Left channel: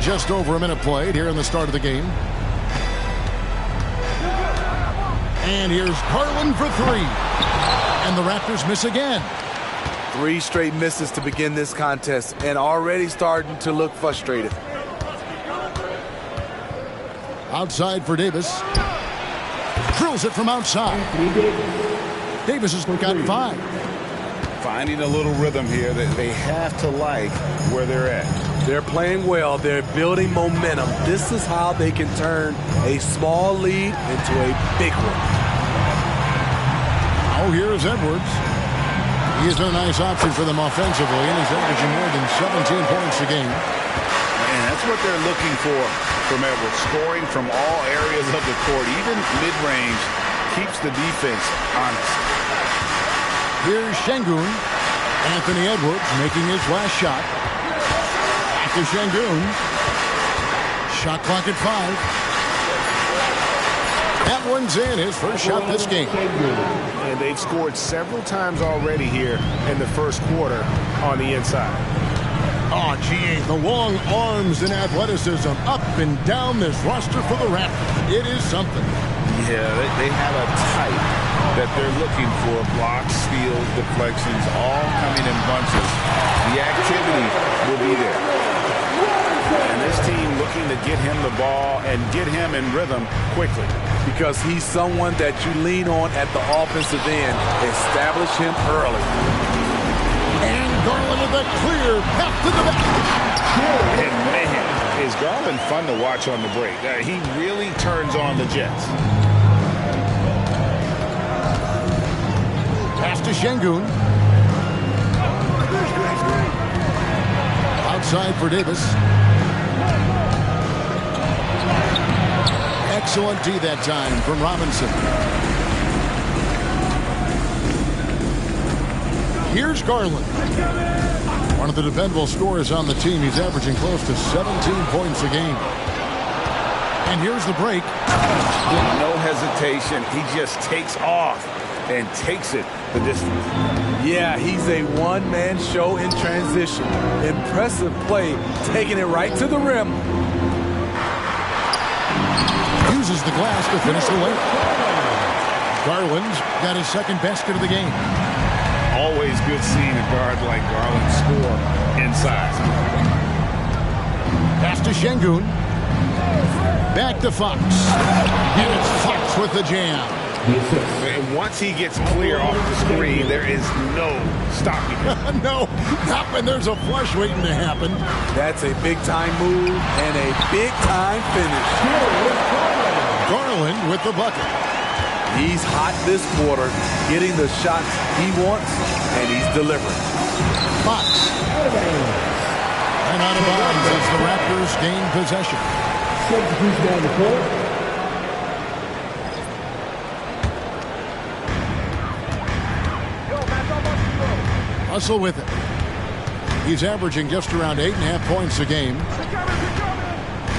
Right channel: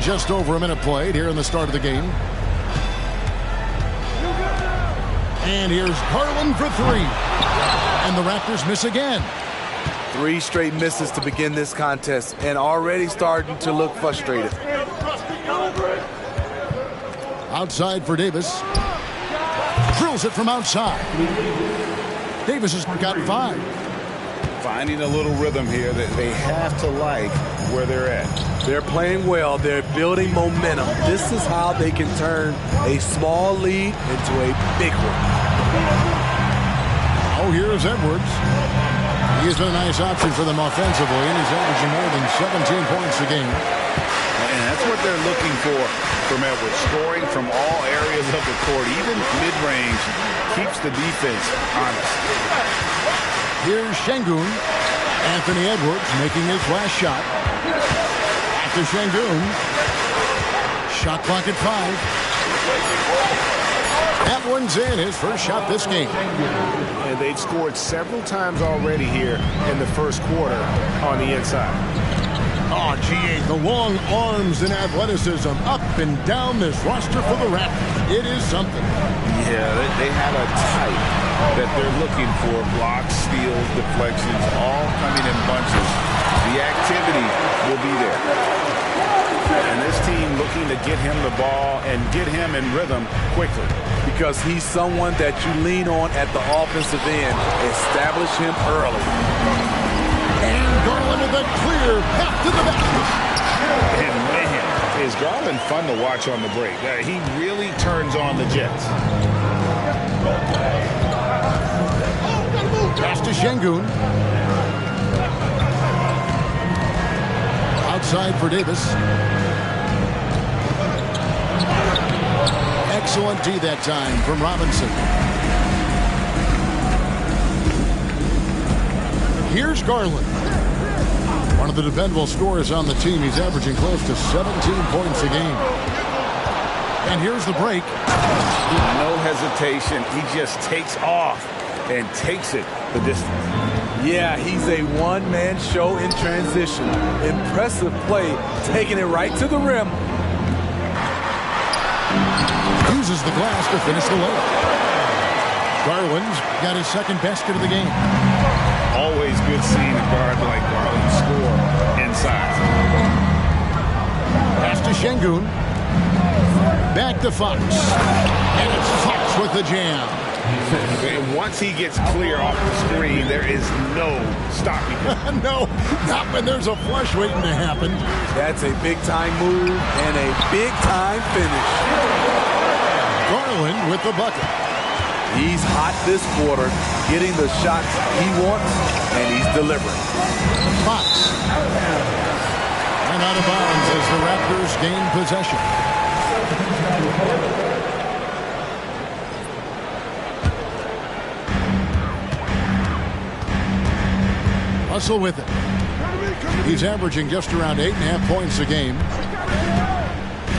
Just over a minute played here in the start of the game. And here's Garland for three. And the Raptors miss again. 3 straight misses to begin this contest and already starting to look frustrated. Outside for Davis. Drills it from outside. Davis has got 5. Finding a little rhythm here that they have to like where they're at. They're playing well. They're building momentum. This is how they can turn a small lead into a big one. Now here's Edwards. He has been a nice option for them offensively, and he's averaging more than 17 points a game. And that's what they're looking for from Edwards. Scoring from all areas of the court, even mid-range, keeps the defense honest. Here's Şengün. Anthony Edwards making his last shot. Back to Şengün. Shot clock at 5. That one's in, his first shot this game. And they've scored several times already here in the first quarter on the inside. Oh, GA, the long arms and athleticism up and down this roster for the Raptors. It is something. Yeah, they have a type that they're looking for. Blocks, steals, deflections, all coming in bunches. The activity will be there. And this team looking to get him the ball and get him in rhythm quickly. Because he's someone that you lean on at the offensive end. Establish him early. And Garland with a clear path to the basket. And man, is Garland fun to watch on the break. He really turns on the Jets. Pass to Şengün. Outside for Davis. Excellent D that time from Robinson. Here's Garland. One of the dependable scorers on the team. He's averaging close to 17 points a game. And here's the break. No hesitation. He just takes off and takes it the distance. Yeah, he's a one-man show in transition. Impressive play, taking it right to the rim. Uses the glass to finish the layup. Garland's got his second basket of the game. Always good seeing a guard like Garland score inside. Pass to Şengün. Back to Fox. And it's Fox with the jam. And once he gets clear off the screen, there is no stopping him. No, not when there's a flush waiting to happen. That's a big-time move and a big-time finish. Garland with the bucket. He's hot this quarter, getting the shots he wants, and he's delivering. Fox. And out of bounds as the Raptors gain possession. Russell with it. He's averaging just around 8.5 points a game.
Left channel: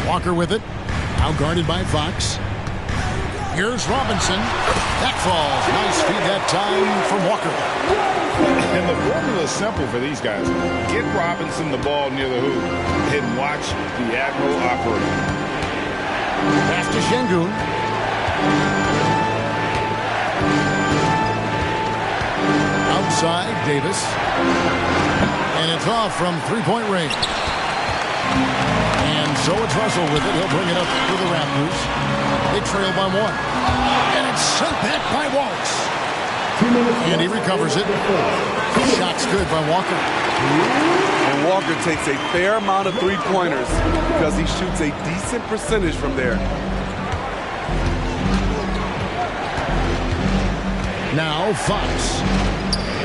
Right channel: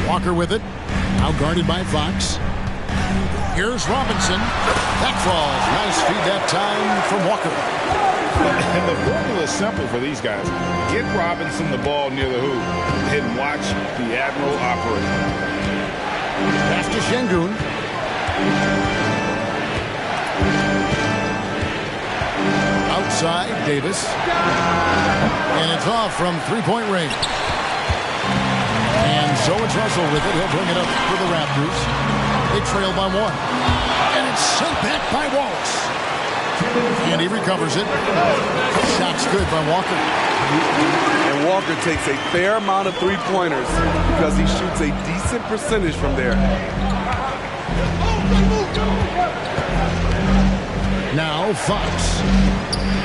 Walker with it. Now guarded by Fox. Here's Robinson. That falls. Nice feed that time from Walker. And the formula is simple for these guys. Get Robinson the ball near the hoop and watch the Admiral operate. Pass to Şengün. Outside, Davis. And it's off from three-point range. And so it's Russell with it. He'll bring it up for the Raptors. They trail by 1. And it's sent back by Wallace. And he recovers it. Shot's good by Walker. And Walker takes a fair amount of three-pointers because he shoots a decent percentage from there. Now Fox.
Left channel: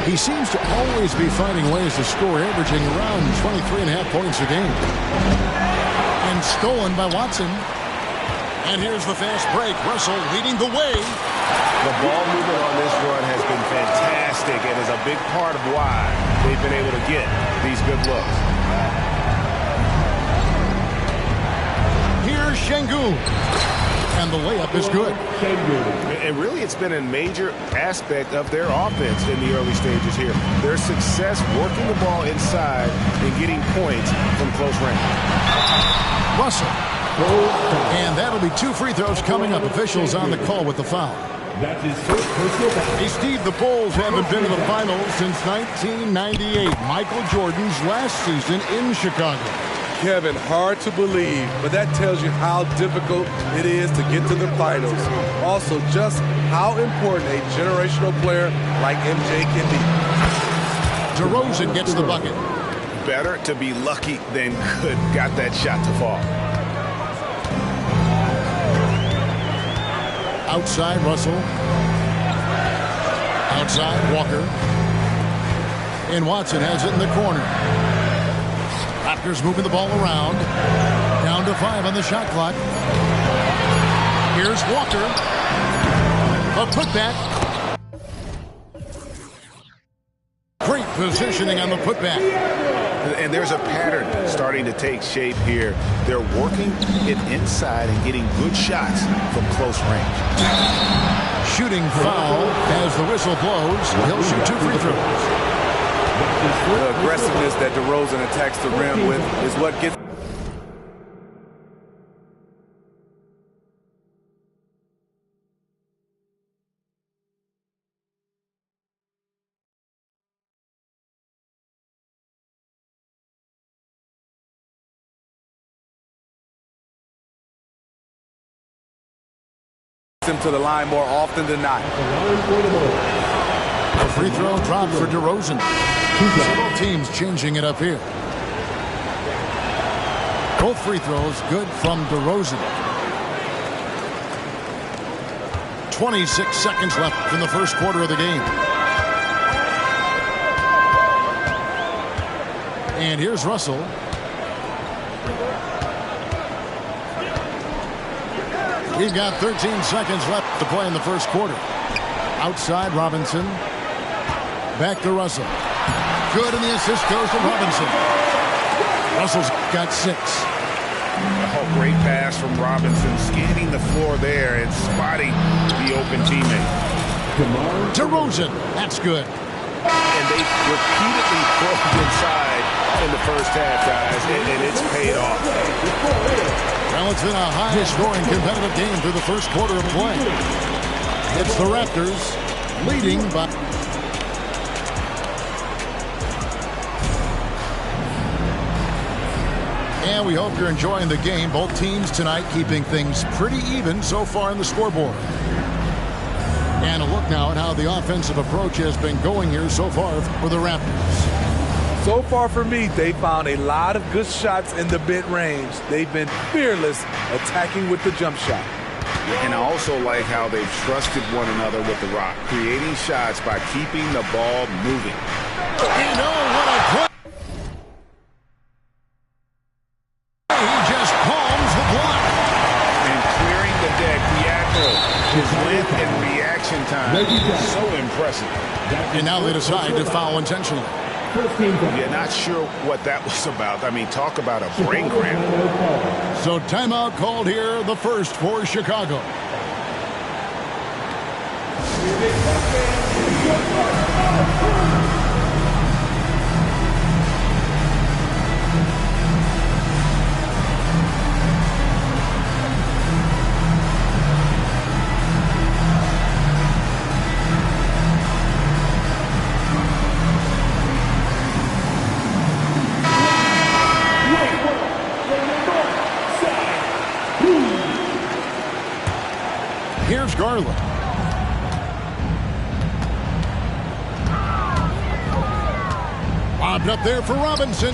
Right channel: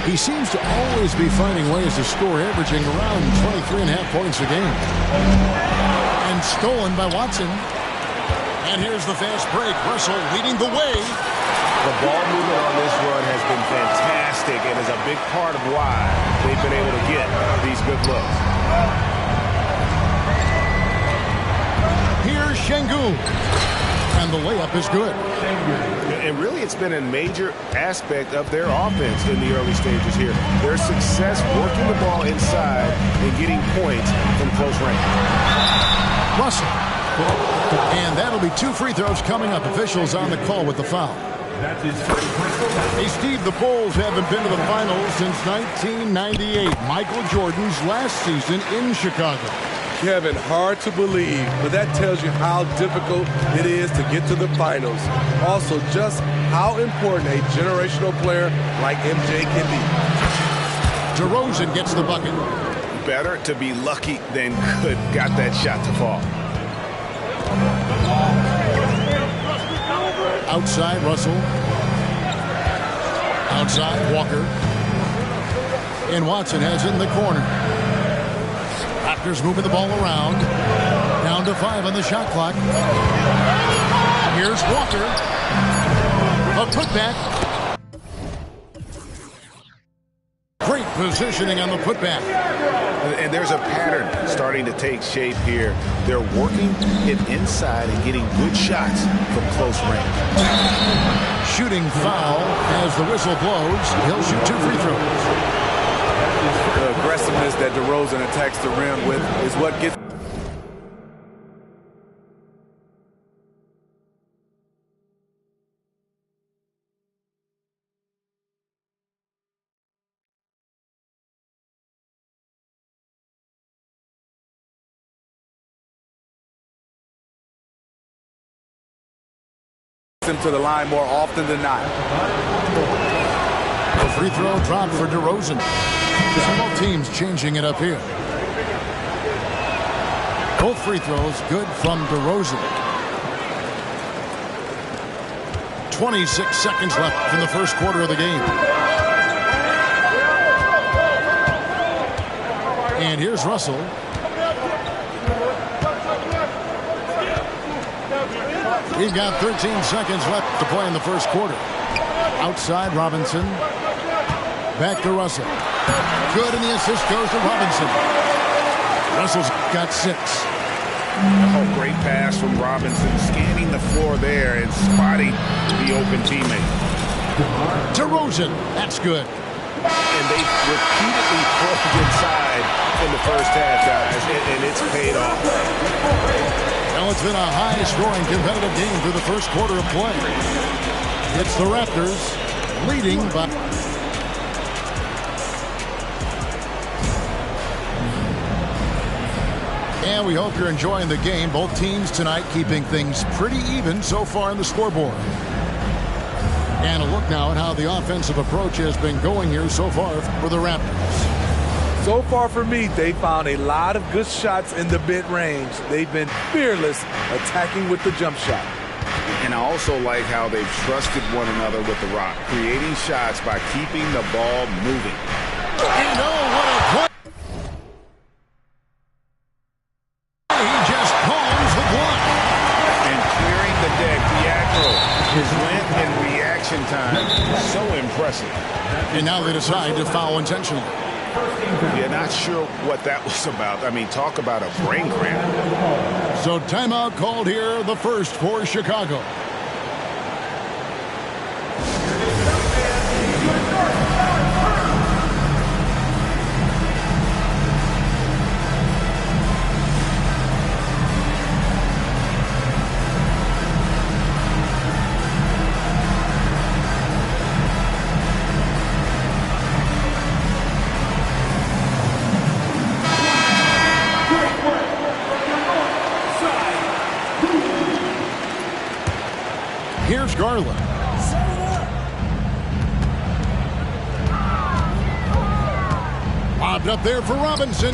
He seems to always be finding ways to score, averaging around 23.5 points a game. And stolen by Watson. And here's the fast break. Russell leading the way. The ball movement on this run has been fantastic and is a big part of why they've been able to get these good looks. Here's Şengün. And the layup is good. And really, it's been a major aspect of their offense in the early stages here. Their success working the ball inside and getting points from close range. Russell. And that'll be 2 free throws coming up. Officials on the call with the foul. Hey, Steve, the Bulls haven't been to the finals since 1998, Michael Jordan's last season in Chicago. Kevin, hard to believe, but that tells you how difficult it is to get to the finals. Also, just how important a generational player like MJ can be. DeRozan gets the bucket. Better to be lucky than good. Got that shot to fall. Outside, Russell. Outside, Walker. And Watson has it in the corner. Raptors moving the ball around. Down to 5 on the shot clock. Here's Walker. A putback. Great positioning on the putback. And there's a pattern starting to take shape here. They're working it inside and getting good shots from close range. Shooting foul as the whistle blows. He'll shoot 2 free throws. The aggressiveness that DeRozan attacks the rim with is what gets him to the line more often than not. A free throw drop for DeRozan. Several teams changing it up here. Both free throws good from DeRozan. 26 seconds left in the first quarter of the game. And here's Russell. We've got 13 seconds left to play in the first quarter. Outside, Robinson. Back to Russell. Good, and the assist goes to Robinson. Russell's got 6. Oh, great pass from Robinson, scanning the floor there and spotting the open teammate. DeRozan, that's good. And they repeatedly probed inside in the first half, guys, and it's paid off. Well, it's been a high-scoring competitive game through the first quarter of play. It's the Raptors leading by... And we hope you're enjoying the game. Both teams tonight keeping things pretty even so far in the scoreboard. And a look now at how the offensive approach has been going here so far for the Raptors. So far for me, they found a lot of good shots in the mid-range. They've been fearless attacking with the jump shot. And I also like how they've trusted one another with the rock, creating shots by keeping the ball moving. And oh, what a play! He just palms the block. And clearing the deck, Pietro, his length and reaction time, so impressive. And now they decide to foul intentionally. Yeah, not sure what that was about. I mean, talk about a brain cramp. So timeout called here, the first for Chicago. Here's Garland. Lobbed up there for Robinson.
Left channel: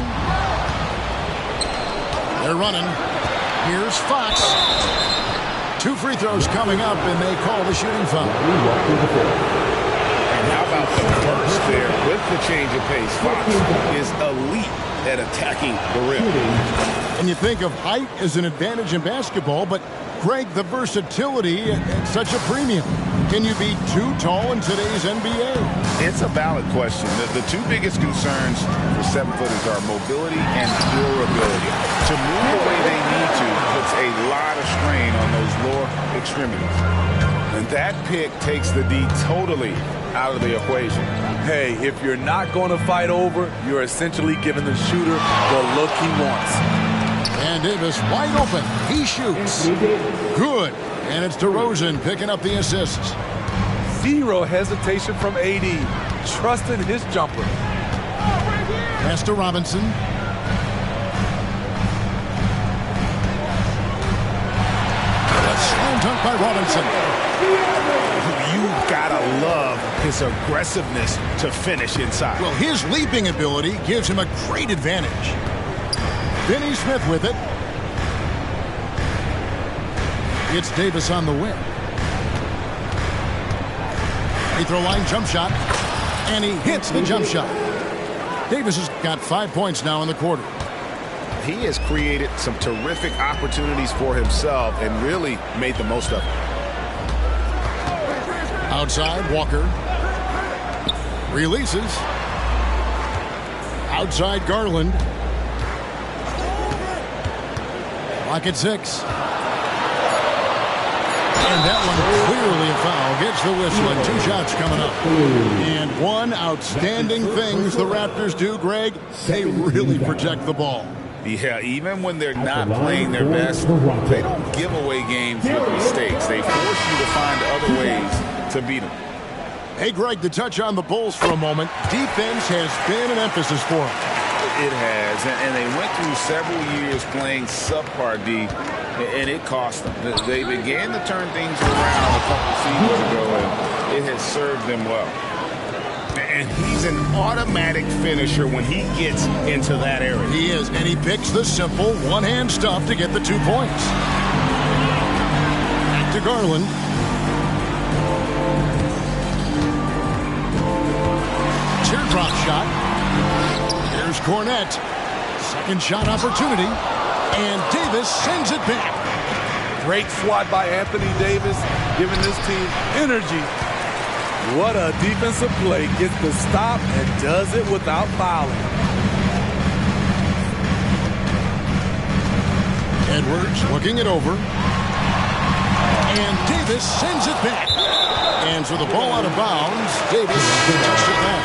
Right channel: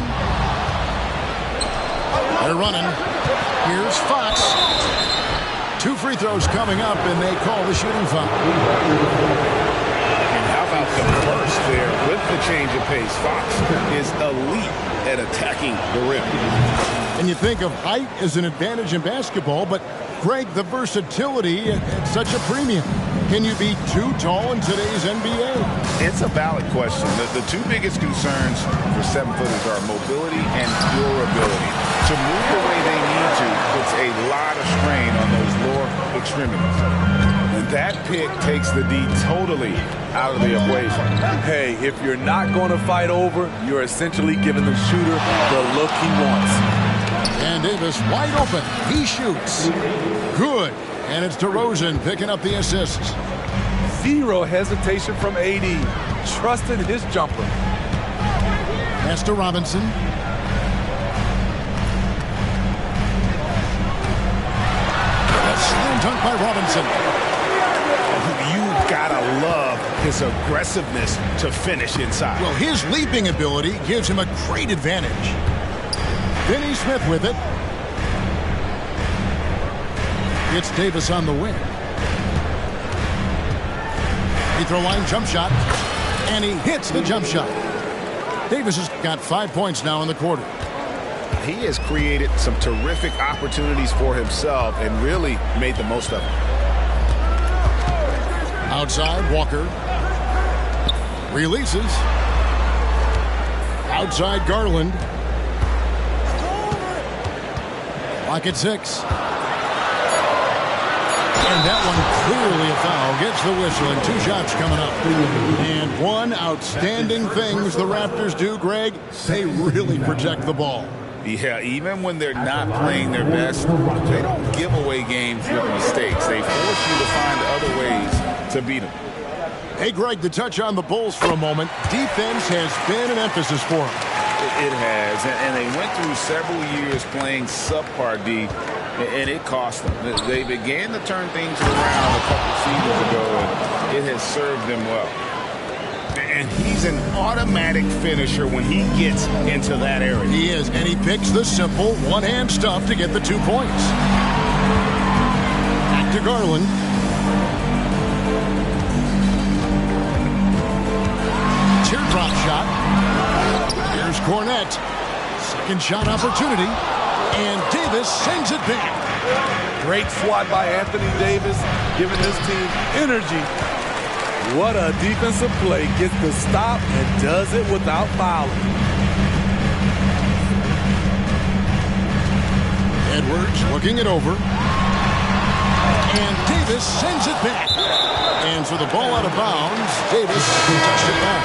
They're running. Here's Fox. 2 free throws coming up, and they call the shooting foul. And how about the burst there with the change of pace? Fox is elite at attacking the rim. And you think of height as an advantage in basketball, but Greg, the versatility at such a premium. Can you be too tall in today's NBA? It's a valid question. The 2 biggest concerns for 7-footers are mobility and durability. To move the way they need to puts a lot of strain on those lower extremities. And that pick takes the D totally out of the equation. Hey, if you're not going to fight over, you're essentially giving the shooter the look he wants. And Davis wide open. He shoots. Good. And it's DeRozan picking up the assists. Zero hesitation from AD. Trusted his jumper. Pass to Robinson. A slam dunk by Robinson. You gotta love his aggressiveness to finish inside. Well, his leaping ability gives him a great advantage. Finney Smith with it. It's Davis on the wing. Free throw line jump shot. And he hits the jump shot. Davis has got 5 points now in the quarter. He has created some terrific opportunities for himself and really made the most of it. Outside, Walker. Releases. Outside, Garland. Clock at 6. And that one clearly a foul. Gets the whistle and 2 shots coming up. And one outstanding things the Raptors do, Greg, they really protect the ball. Yeah, even when they're not playing their best, they don't give away games with mistakes. They force you to find other ways to beat them. Hey, Greg, to touch on the Bulls for a moment, defense has been an emphasis for them. It has, and they went through several years playing subpar D, and it cost them. They began to turn things around a couple seasons ago, and it has served them well. And he's an automatic finisher when he gets into that area. He is, and he picks the simple one-hand stuff to get the 2 points. Back to Garland. Teardrop shot. Here's Cornette. Second shot opportunity. And Davis sends it back. Great swat by Anthony Davis, giving this team energy. What a defensive play. Gets the stop and does it without fouling. Edwards looking it over. And Davis sends it back. And so the ball out of bounds. Davis touched it back.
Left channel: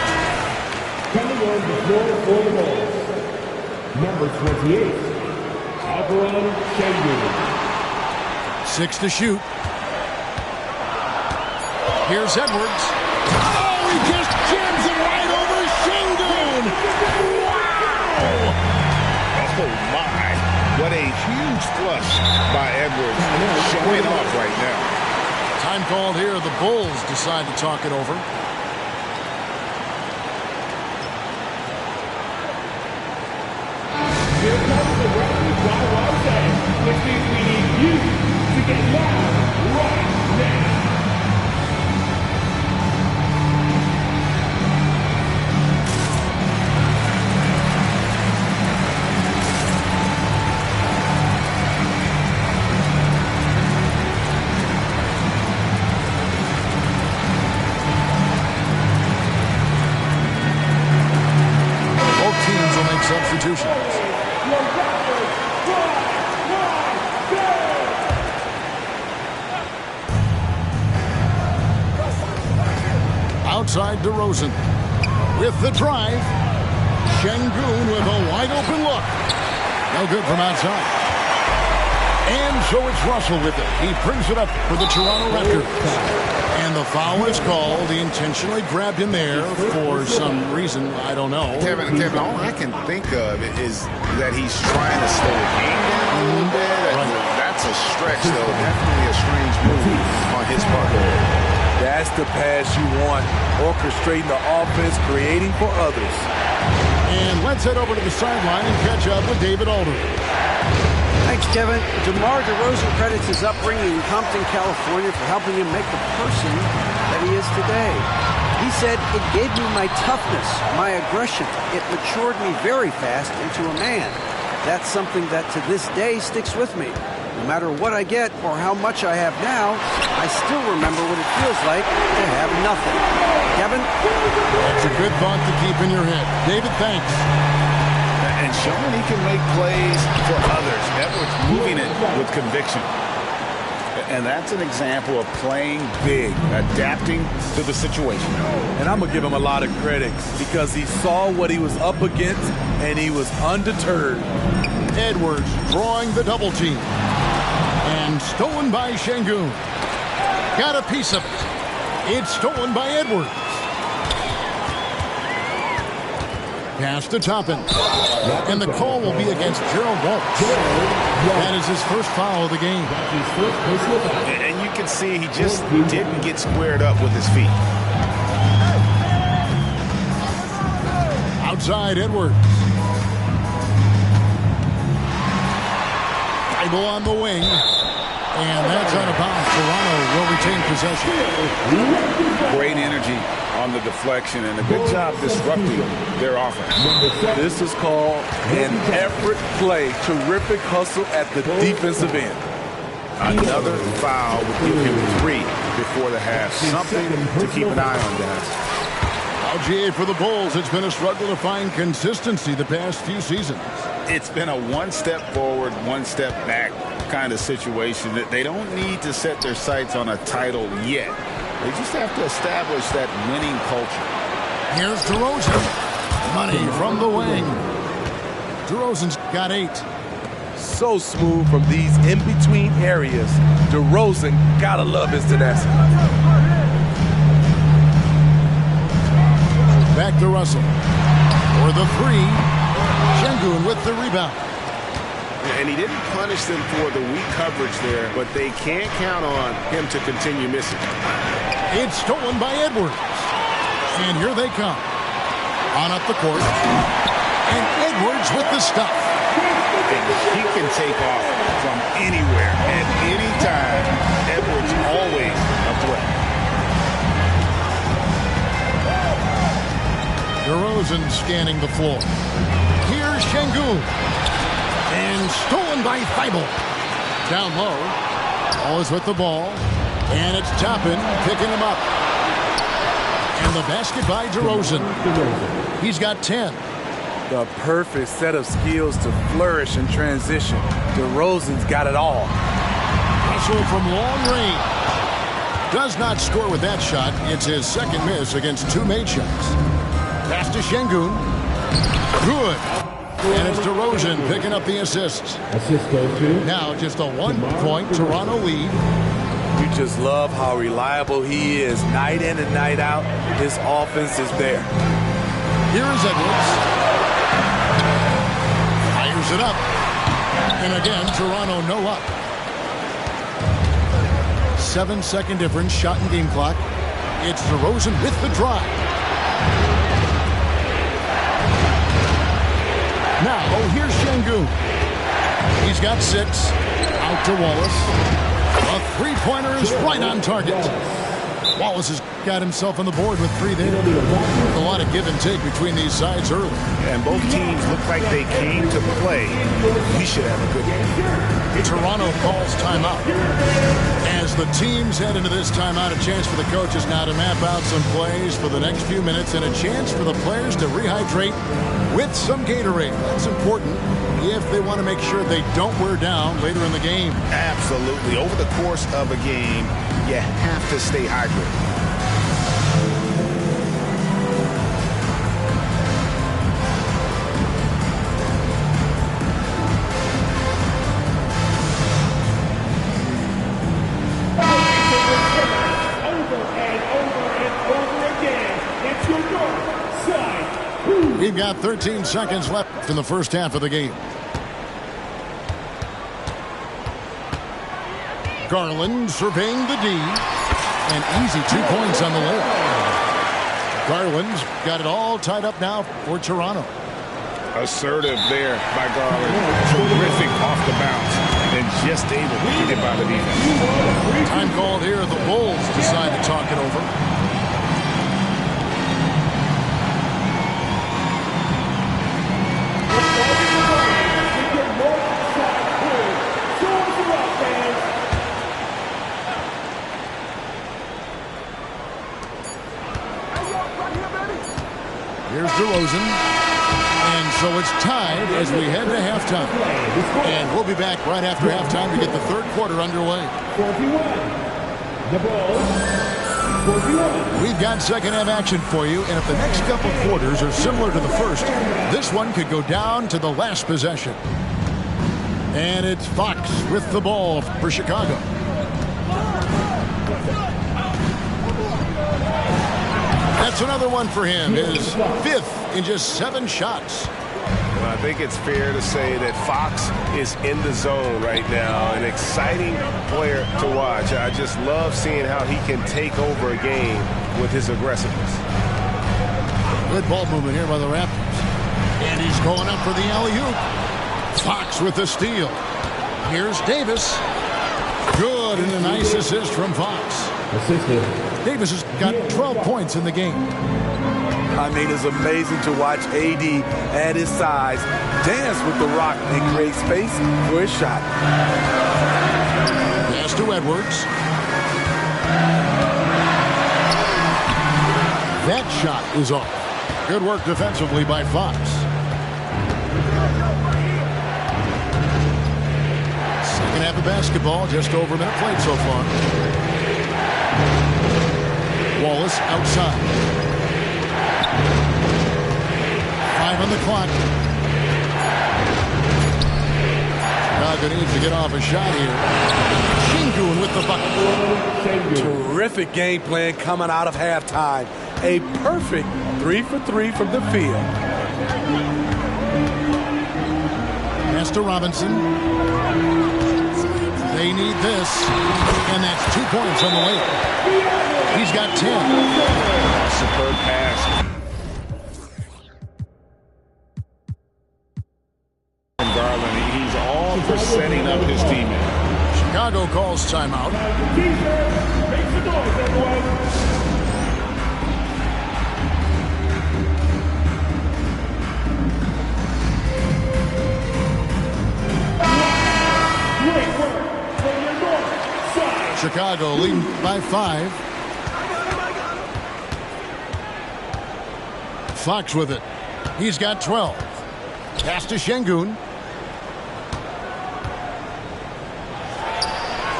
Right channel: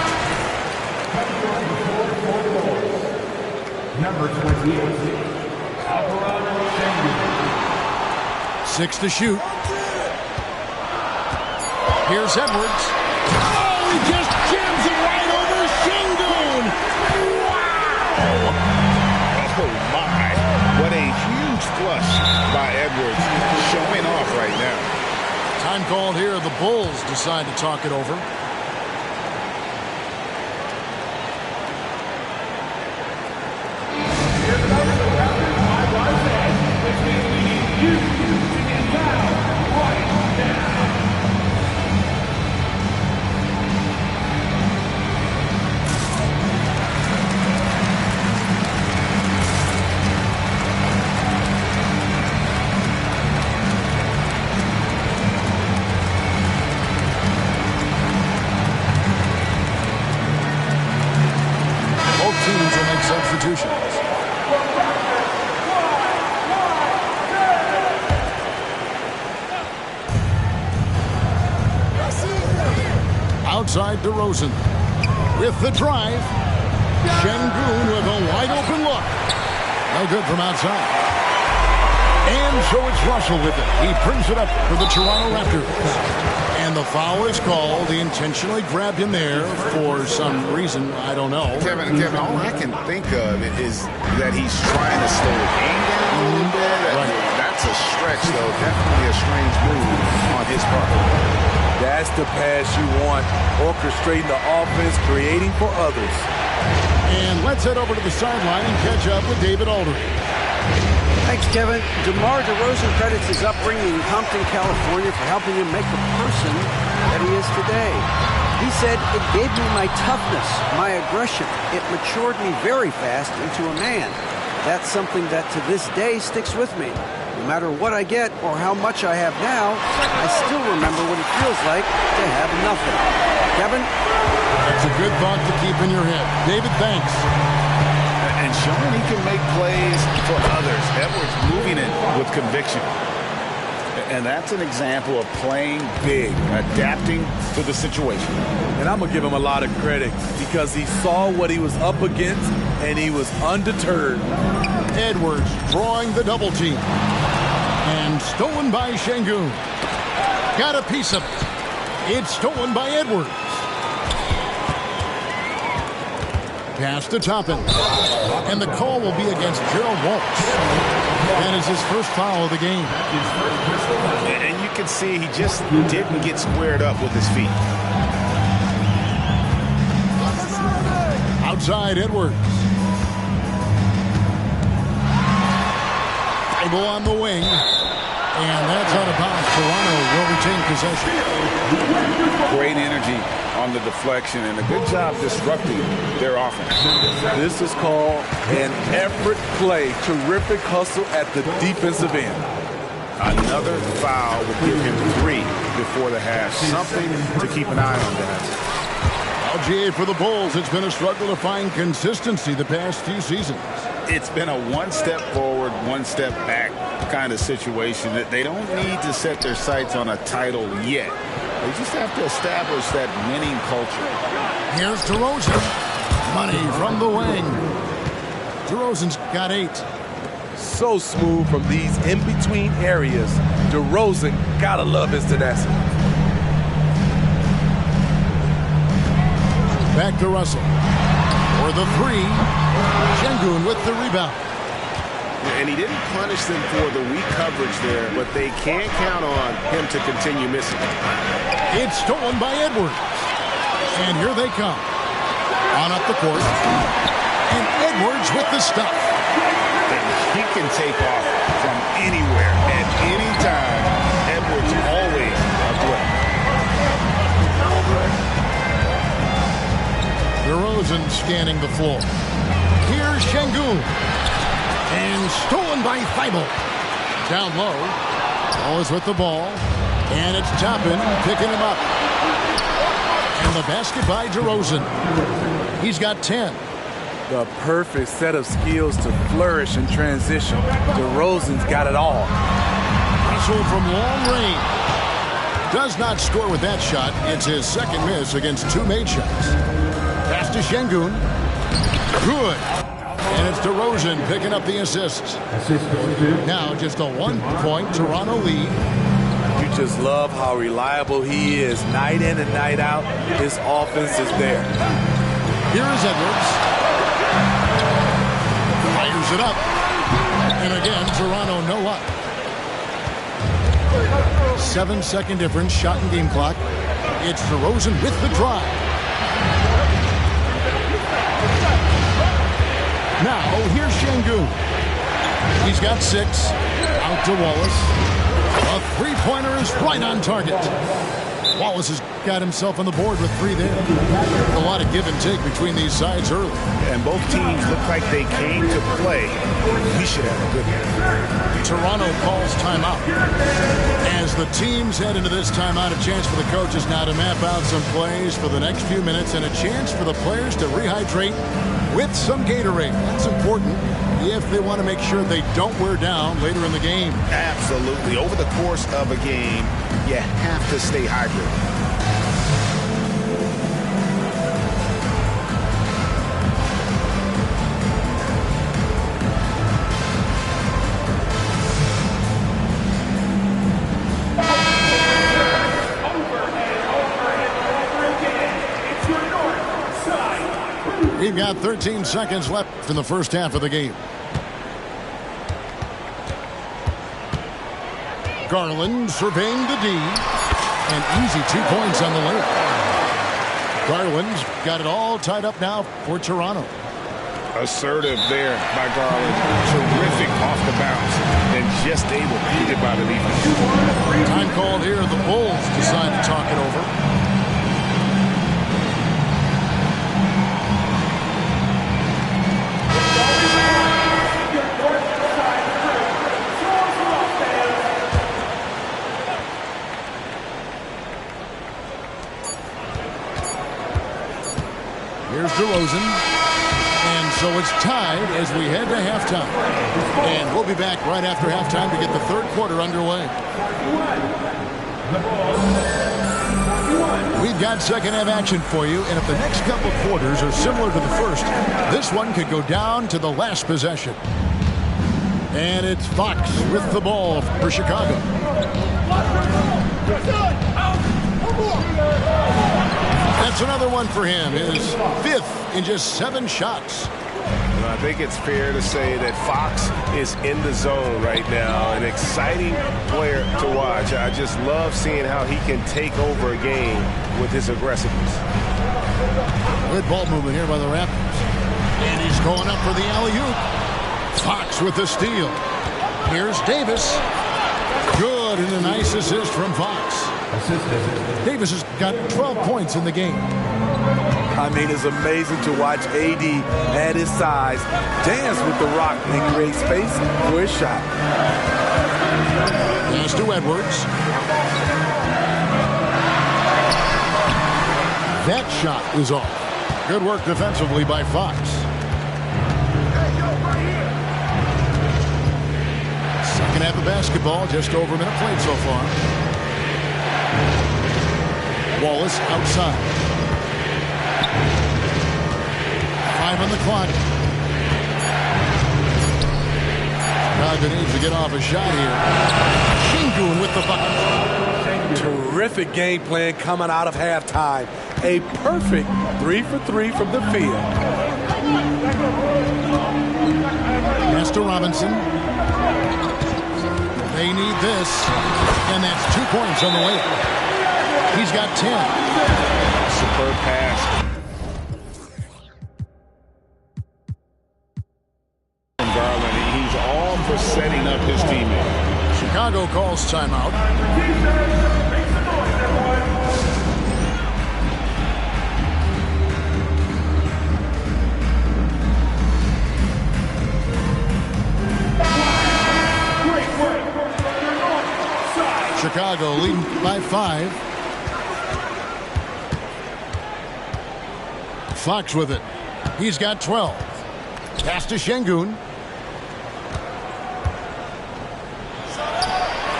Number 28, Alvarado Sengun. 6 to shoot. Here's Edwards. Oh, he just jams it right over Sengun. Wow! Oh, my. What a huge flush by Edwards. Showing off right now. Time called here. The Bulls decide to talk it over. You to get down right now. Both teams will make substitutions. Outside DeRozan with the drive. Sengun with a wide open look. No good from outside. And so it's Russell with it. He brings it up for the Toronto Raptors. And the foul is called. He intentionally grabbed him there for some reason. I don't know. Kevin, all I can think of is that he's trying to slow the game down a little bit. Right. That's a stretch, though. Definitely a strange move on his part. That's the pass you want. Orchestrating the offense, creating for others. And let's head over to the sideline and catch up with David Aldridge. Thanks, Kevin. DeMar DeRozan credits his upbringing in Compton, California for helping him make the person that he is today. He said, "It gave me my toughness, my aggression. It matured me very fast into a man. That's something that to this day sticks with me. No matter what I get or how much I have now, I still remember what it feels like to have nothing." Kevin? That's a good thought to keep in your head. David, thanks. And showing he can make plays for others. Edwards moving it with conviction. And that's an example of playing big, adapting to the situation. And I'm going to give him a lot of credit because he saw what he was up against and he was undeterred. Edwards drawing the double team. And stolen by Şengün. Got a piece of it. It's stolen by Edwards. Pass to Toppin. And the call will be against Gerald Walsh. That is his first foul of the game. And you can see he just didn't get squared up with his feet. Outside Edwards. Thibault on the wing. And that's out of bounds. Toronto will retain possession. Great energy on the deflection and a good job disrupting their offense. This is called an effort play. Terrific hustle at the defensive end. Another foul would give him 3 before the half. Something to keep an eye on, guys. LGA for the Bulls. It's been a struggle to find consistency the past few seasons. It's been a one step forward, one step back kind of situation. That they don't need to set their sights on a title yet. They just have to establish that winning culture. Here's DeRozan. Money from the wing. DeRozan's got 8. So smooth from these in-between areas. DeRozan, gotta love his tenacity. Back to Russell. For the 3. Şengün with the rebound. And he didn't punish them for the weak coverage there, but they can't count on him to continue missing. It's stolen by Edwards. And here they come. On up the court. And Edwards with the stuff. And he can take off from anywhere at any time. Edwards always a threat. DeRozan scanning the floor. Here's Şengün. And stolen by Thibault. Down low. Always with the ball. And it's Toppin picking him up. And the basket by DeRozan. He's got 10. The perfect set of skills to flourish in transition. DeRozan's got it all. Russell from long range. Does not score with that shot. It's his second miss against 2 made shots. Pass to Şengün. Good. And it's DeRozan picking up the assists. Now just a 1-point Toronto lead. You just love how reliable he is. Night in and night out, his offense is there. Here is Edwards. Fires it up. And again, Toronto no up. 7-second difference, shot and game clock. It's DeRozan with the drive. Now, here's Şengün. He's got 6. Out to Wallace. A three-pointer is right on target. Wallace has got himself on the board with 3 there. A lot of give and take between these sides early. And both teams look like they came to play. We should have a good one. Toronto calls timeout. As the teams head into this timeout, a chance for the coaches now to map out some plays for the next few minutes and a chance for the players to rehydrate with some Gatorade. That's important if they want to make sure they don't wear down later in the game. Absolutely. Over the course of a game, you have to stay hydrated. We've got 13 seconds left in the first half of the game. Garland surveying the D. And easy 2 points on the layup. Garland's got it all tied up now for Toronto. Assertive there by Garland. Terrific off the bounce and just able to get by the defense. Time called here. The Bulls decide to talk it over. Here's DeRozan. And so it's tied as we head to halftime. And we'll be back right after halftime to get the third quarter underway. 41. The ball. 41. We've got second half action for you, and if the next couple quarters are similar to the first, this one could go down to the last possession. And it's Fox with the ball for Chicago. That's another one for him, his fifth in just 7 shots. Well, I think it's fair to say that Fox is in the zone right now, an exciting player to watch. I just love seeing how he can take over a game with his aggressiveness. Good ball movement here by the Raptors. And he's going up for the alley-oop. Fox with the steal. Here's Davis. Good, and a nice assist from Fox. Davis has got 12 points in the game. I mean, it's amazing to watch AD at his size dance with the rock and create space for his shot. Pass to Edwards. That shot is off. Good work defensively by Fox. Second half of basketball, just over a minute played so far. Wallace outside. 5 on the clock. Chicago needs to get off a shot here. Şengün with the bucket. Terrific game plan coming out of halftime. A perfect 3 for 3 from the field. Pass to Robinson. They need this. And that's 2 points on the way up. He's got 10. Superb pass. From Garland, he's all for setting up his teammate. Chicago calls timeout. Chicago leading by 5. Fox with it. He's got 12. Pass to Şengün.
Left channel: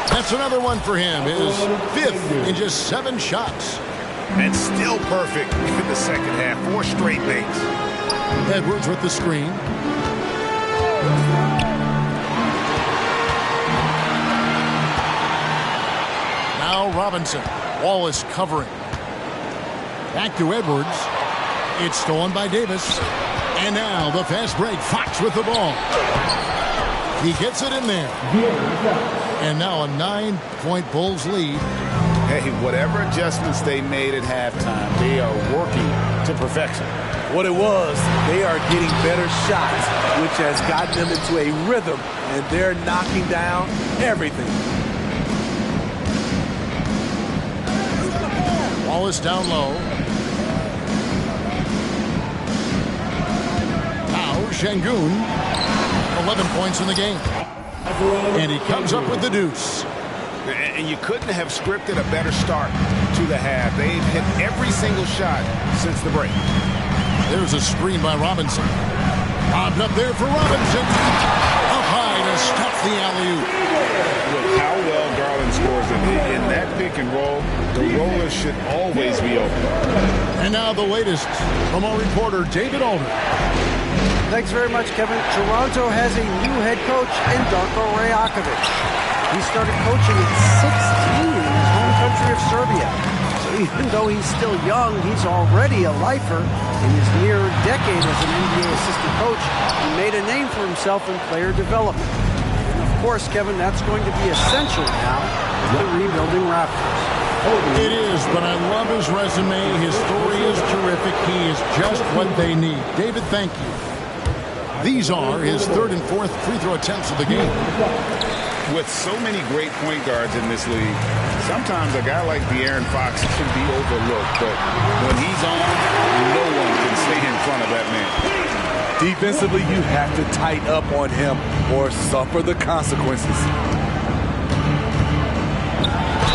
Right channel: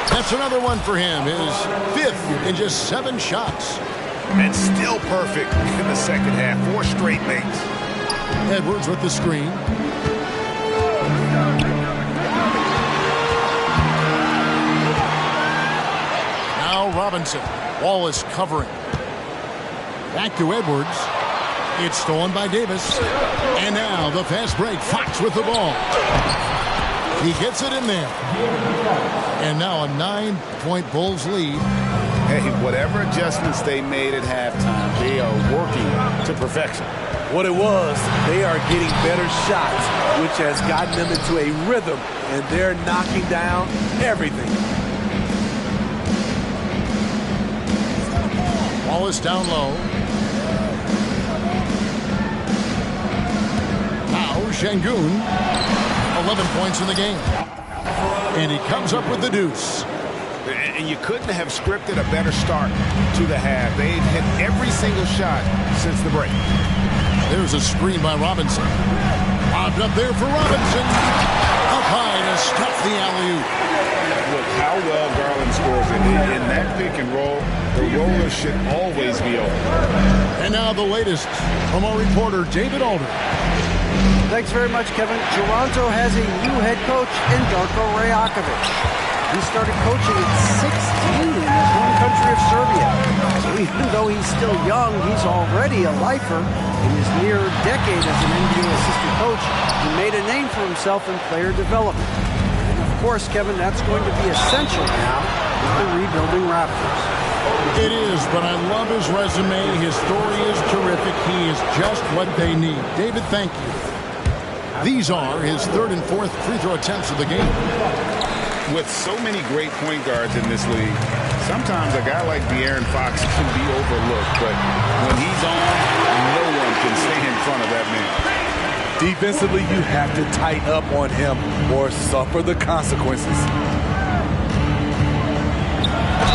That's another one for him. His 5th in just 7 shots. And still perfect in the second half. 4 straight makes. Edwards with the screen. Now Robinson. Wallace covering. Back to Edwards. It's stolen by Davis. And now the fast break. Fox with the ball. He gets it in there. And now a 9-point Bulls lead. Hey, whatever adjustments they made at halftime, they are working to perfection. What it was, they are getting better shots, which has gotten them into a rhythm, and they're knocking down everything. Wallace down low. Now Şengün, 11 points in the game. And he comes up with the deuce. And you couldn't have scripted a better start to the half. They've hit every single shot since the break. There's a screen by Robinson. Lobbed up there for Robinson. Up high to stuff the alley-oop. With how well Garland scores in that pick and roll, the roller should always be open. And now the latest from our reporter, David Alder. Thanks very much, Kevin. Toronto has a new head coach in Darko Rajakovic. He started coaching at 16 in his home country of Serbia. So even though he's still young, he's already a lifer. In his near decade as an NBA assistant coach, he made a name for himself in player development. And of course, Kevin, that's going to be essential now with the rebuilding Raptors. It is, but I love his resume. His story is terrific. He is just what they need. David, thank you. These are his 3rd and 4th free throw attempts of the game. With so many great point guards in this league, sometimes a guy like De'Aaron Fox can be overlooked, but when he's on, no one can stay in front of that man. Defensively, you have to tighten up on him or suffer the consequences.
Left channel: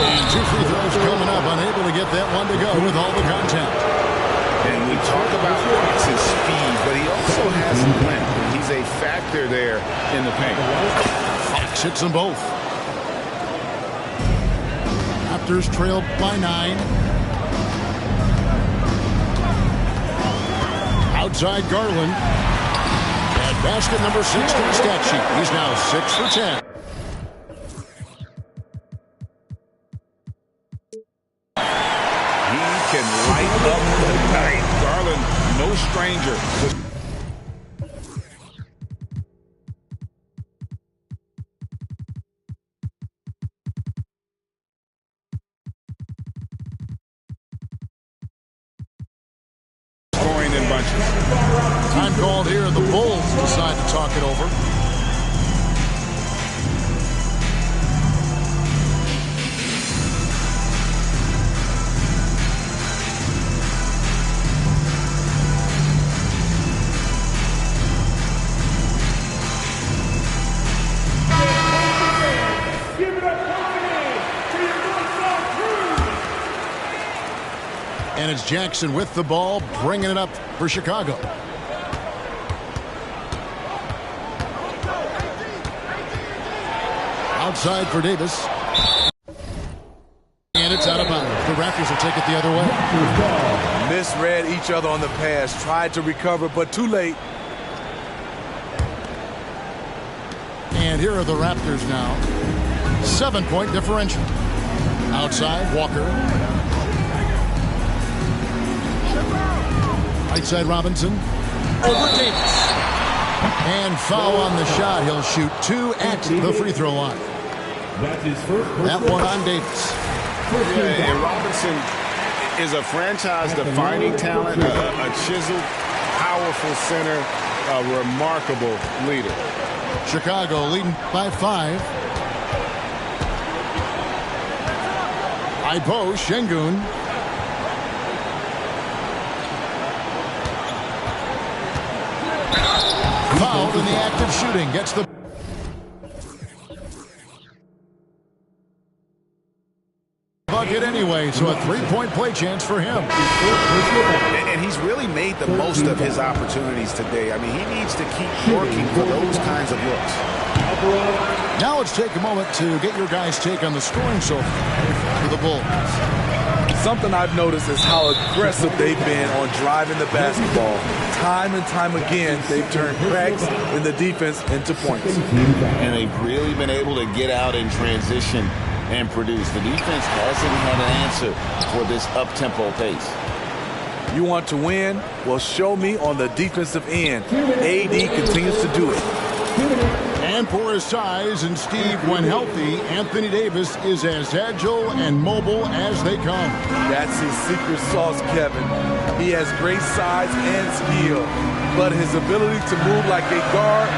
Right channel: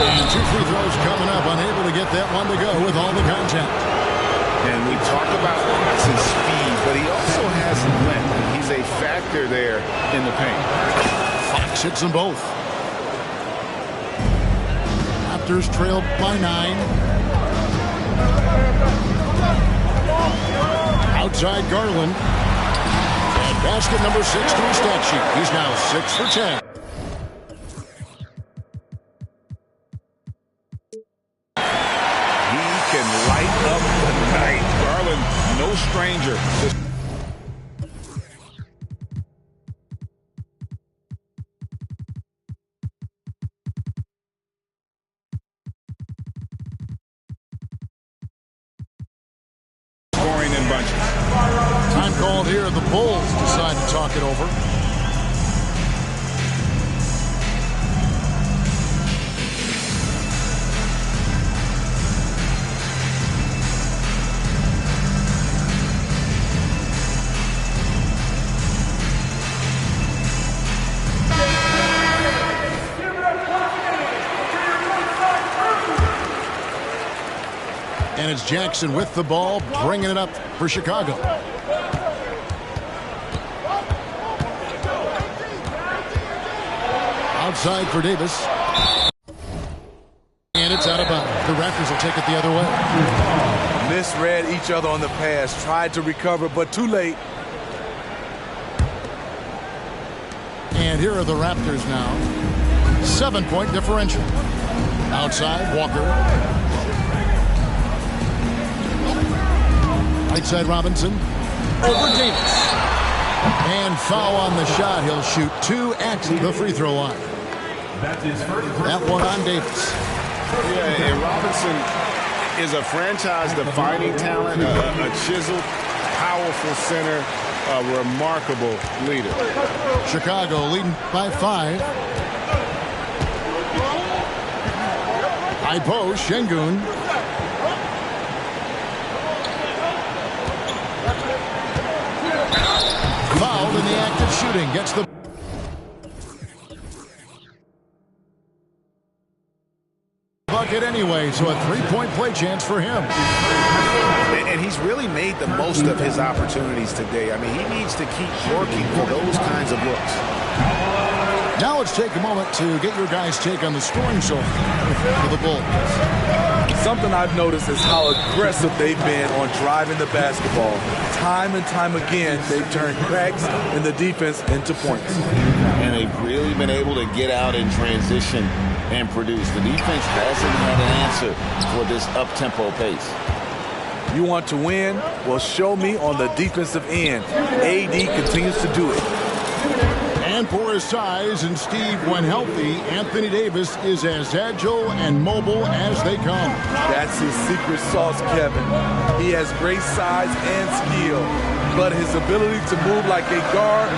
And 2 free throws coming up, unable to get that one to go with all the contact. And we talk about Fox's speed, but he also has length. He's a factor there in the paint. Fox hits them both. Raptors trailed by 9. Outside Garland. And basket number 6 to his stat sheet. He's now 6 for 10. He can light up the night. Garland, no stranger. Scoring in bunches. Time called here. The Bulls decide to talk it over. And it's Jackson with the ball, bringing it up for Chicago. Outside for Davis. And it's out of bounds. The Raptors will take it the other way. Misread each other on the pass. Tried to recover, but too late. And here are the Raptors now. 7-point differential. Outside, Walker. Right side Robinson. Over Davis. And foul on the shot. He'll shoot 2 at the free throw line. That's his first. That one on Davis. Yeah, and Robinson is a franchise-defining talent, a chiseled, powerful center, a remarkable leader. Chicago leading by 5. High post, Şengün. Fouled in the act of shooting. Gets the bucket anyway, so a 3-point play chance for him. And he's really made the most of his opportunities today. I mean, he needs to keep working for those kinds of looks. Now let's take a moment to get your guys' take on the scoring so far for the Bulls. Something I've noticed is how aggressive they've been on driving the basketball. Time and time again, they've turned cracks in the defense into points. And they've really been able to get out in transition and produce. The defense hasn't had an answer for this up-tempo pace. You want to win? Well, show me on the defensive end. AD continues to do it. And for his size, and Steve, when healthy, Anthony Davis is as agile and mobile as they come. That's his secret sauce, Kevin. He has great size and skill, but his ability to move like a guard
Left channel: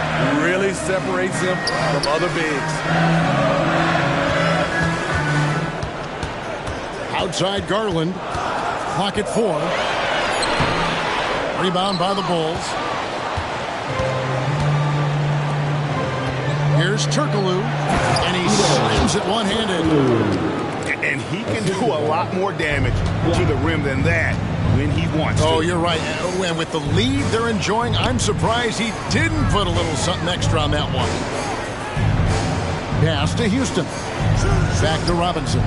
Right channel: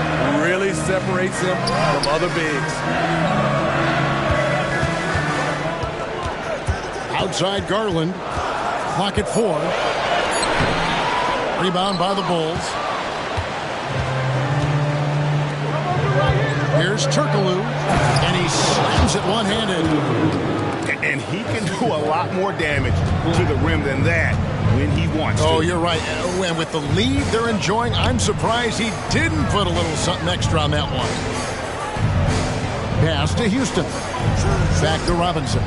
really separates him from other bigs. Outside Garland. Clock at 4. Rebound by the Bulls. Here's Turkoglu, and he slams it one-handed. And he can do a lot more damage to the rim than that when he wants to. Oh, you're right. And with the lead they're enjoying, I'm surprised he didn't put a little something extra on that one. Pass to Houston. Back to Robinson.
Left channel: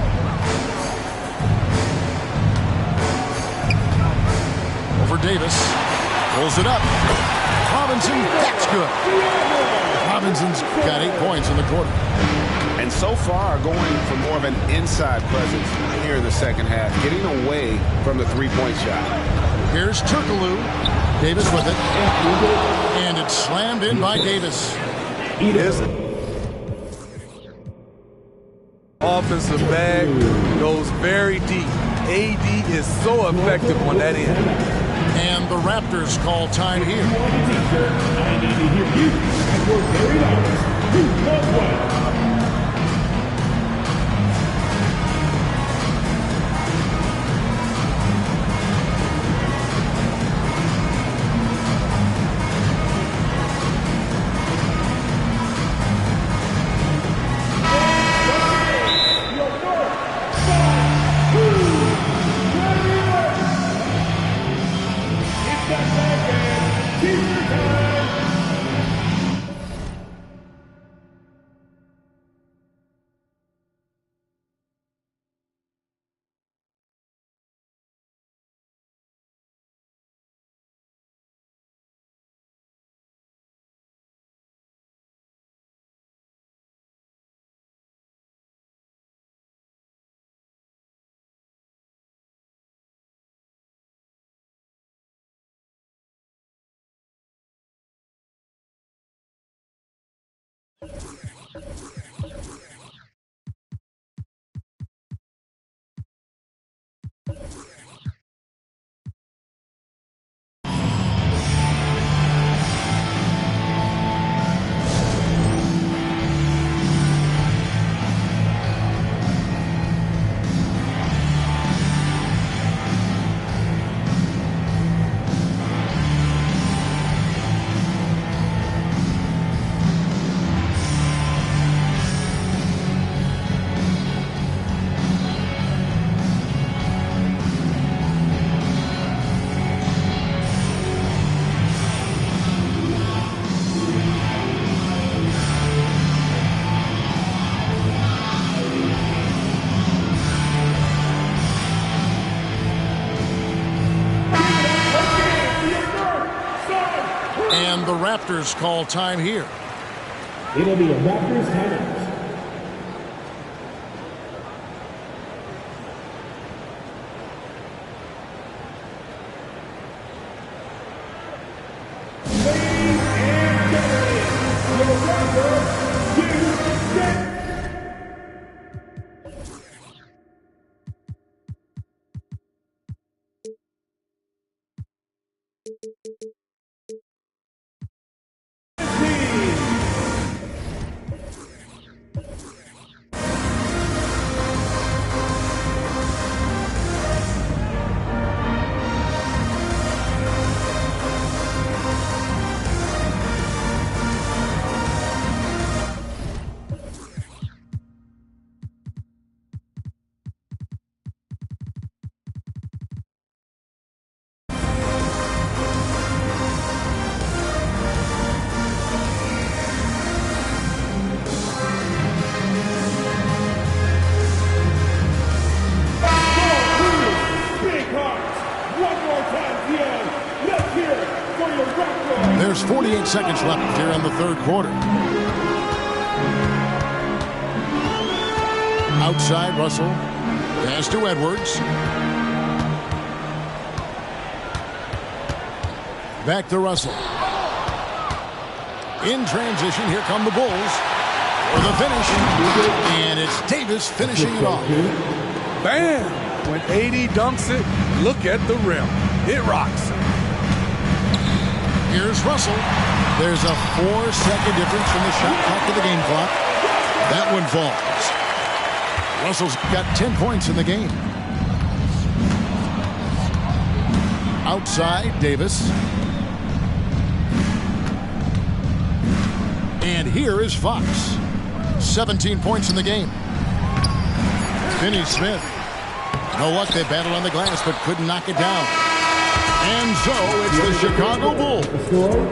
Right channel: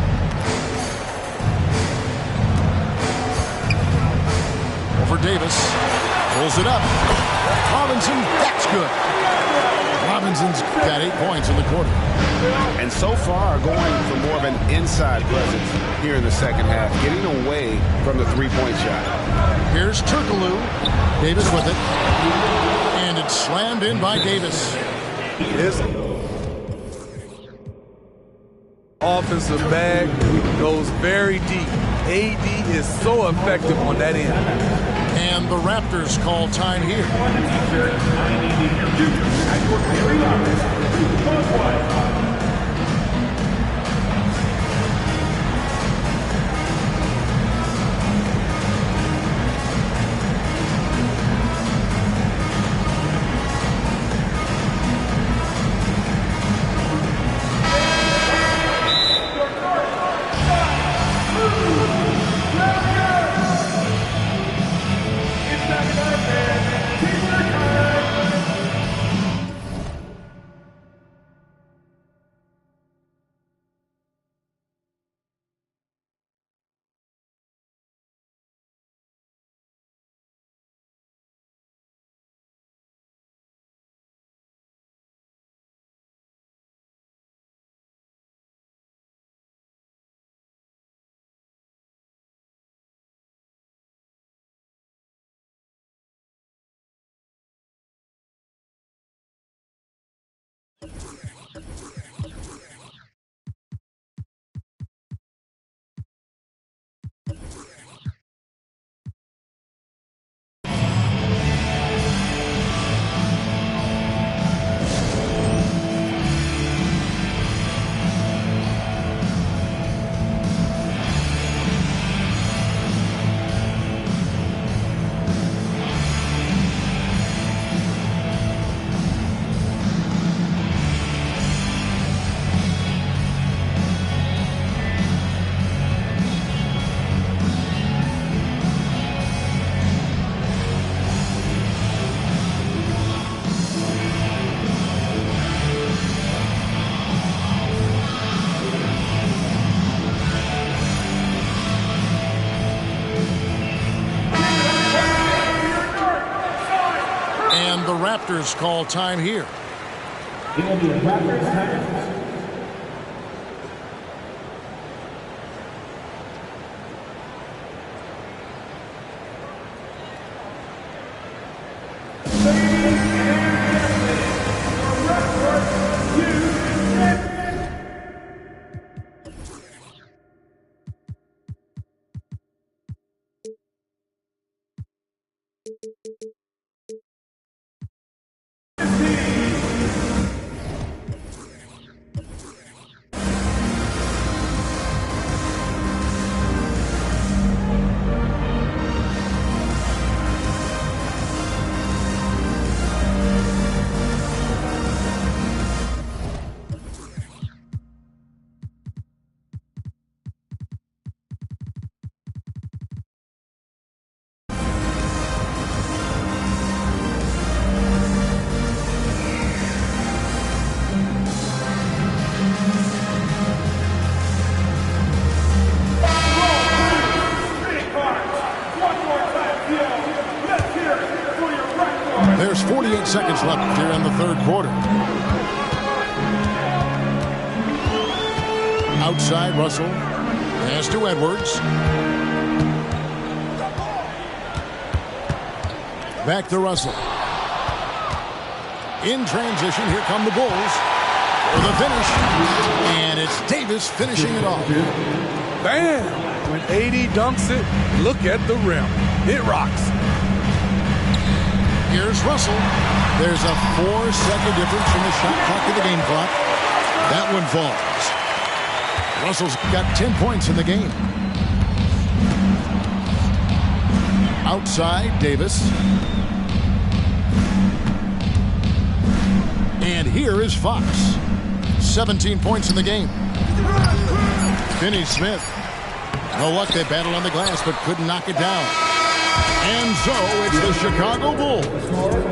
Over Davis. Pulls it up. Robinson, that's good. Robinson's got 8 points in the quarter. And so far going for more of an inside presence here in the second half, getting away from the three-point shot. Here's Turkoglu. Davis with it. And it's slammed in by Davis. His offensive bag goes very deep. AD is so effective on that end. And the Raptors call time here. I need to hear you at your very loudest. 2-1. And the Raptors call time here. It'll be a Raptors timeout. Ladies and gentlemen, your record to get. There's 48 seconds left here in the third quarter. Outside, Russell. Pass to Edwards. Back to Russell. In transition, here come the Bulls for the finish. And it's Davis finishing it off. Bam! When AD dunks it, look at the rim. It rocks. Here's Russell. There's a 4-second difference from the shot clock to the game clock. That one falls. Russell's got 10 points in the game. Outside, Davis. And here is Fox. 17 points in the game. Finney-Smith. No luck, they battled on the glass, but couldn't knock it down. And so it's the Chicago Bulls.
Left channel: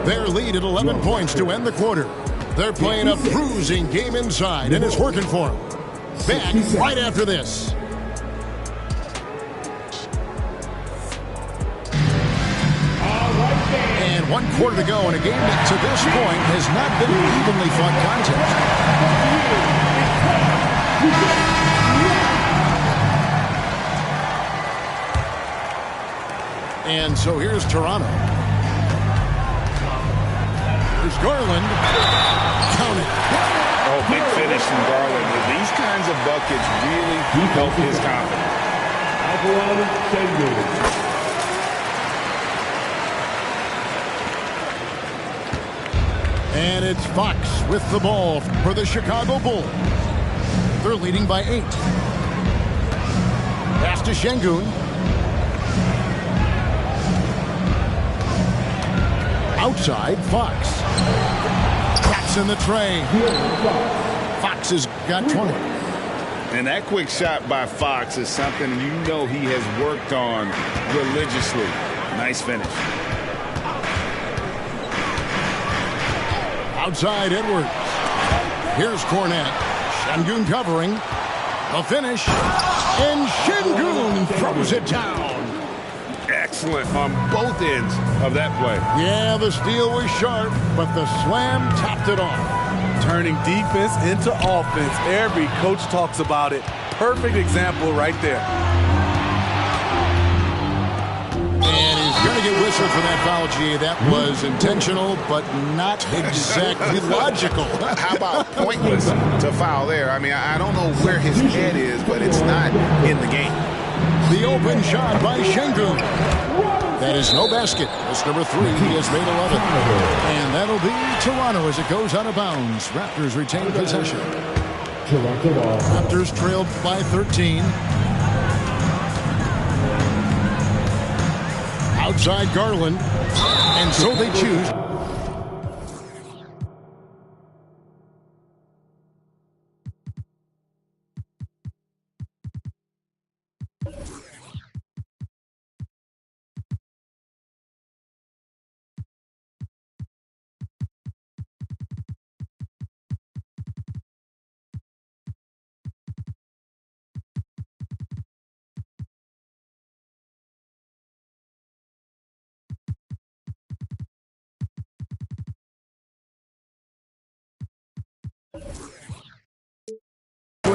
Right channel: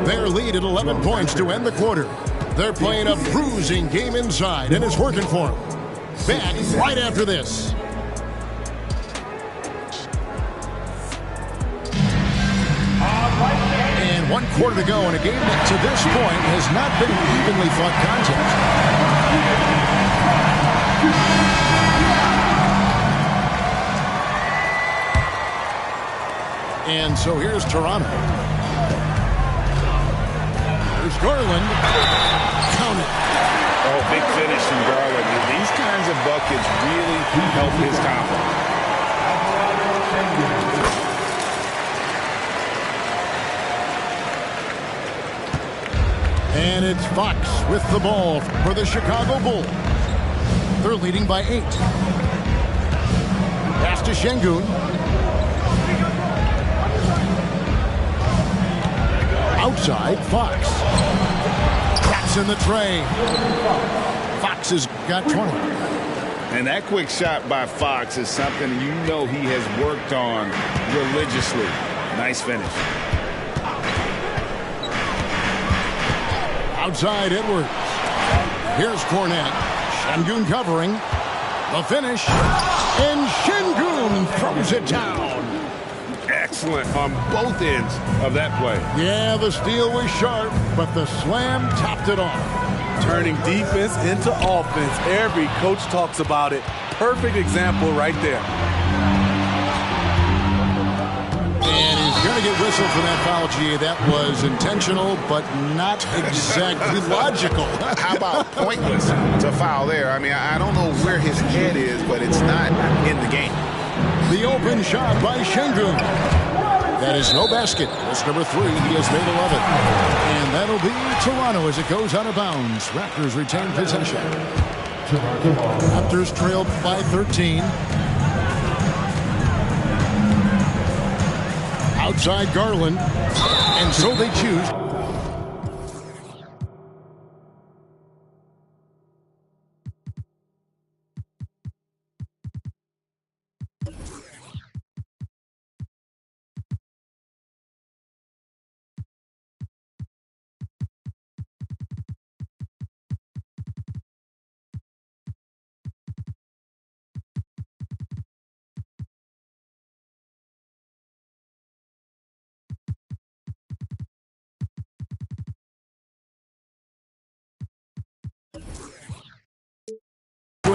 Their lead at 11 points to end the quarter. They're playing a bruising game inside, and it's working for them. Back right after this. And 1 quarter to go in a game that to this point has not been an evenly fought contest. And so here's Toronto. Here's Garland. Count it. Oh, big finish from Garland. These kinds of buckets really help his confidence. And it's Fox with the ball for the Chicago Bulls. They're leading by 8. Pass to Şengün. Outside, Fox. Traps in the tray. Fox has got 20. And that quick shot by Fox is something you know he has worked on religiously. Nice finish. Outside, Edwards. Here's Cornette. Şengün covering. The finish. And Şengün throws it down. Excellent on both ends of that play. Yeah, the steal was sharp, but the slam topped it off. Turning defense into offense. Every coach talks about it. Perfect example right there. And he's going to get whistled for that foul, G. That was intentional, but not exactly logical. How about pointless to foul there? I mean, I don't know where his head is, but it's not in the game. The open shot by Şengün. That is no basket. It's number 3. He has made 11. And that'll be Toronto as it goes out of bounds. Raptors retain possession. Raptors trailed by 13. Outside Garland. And so they choose.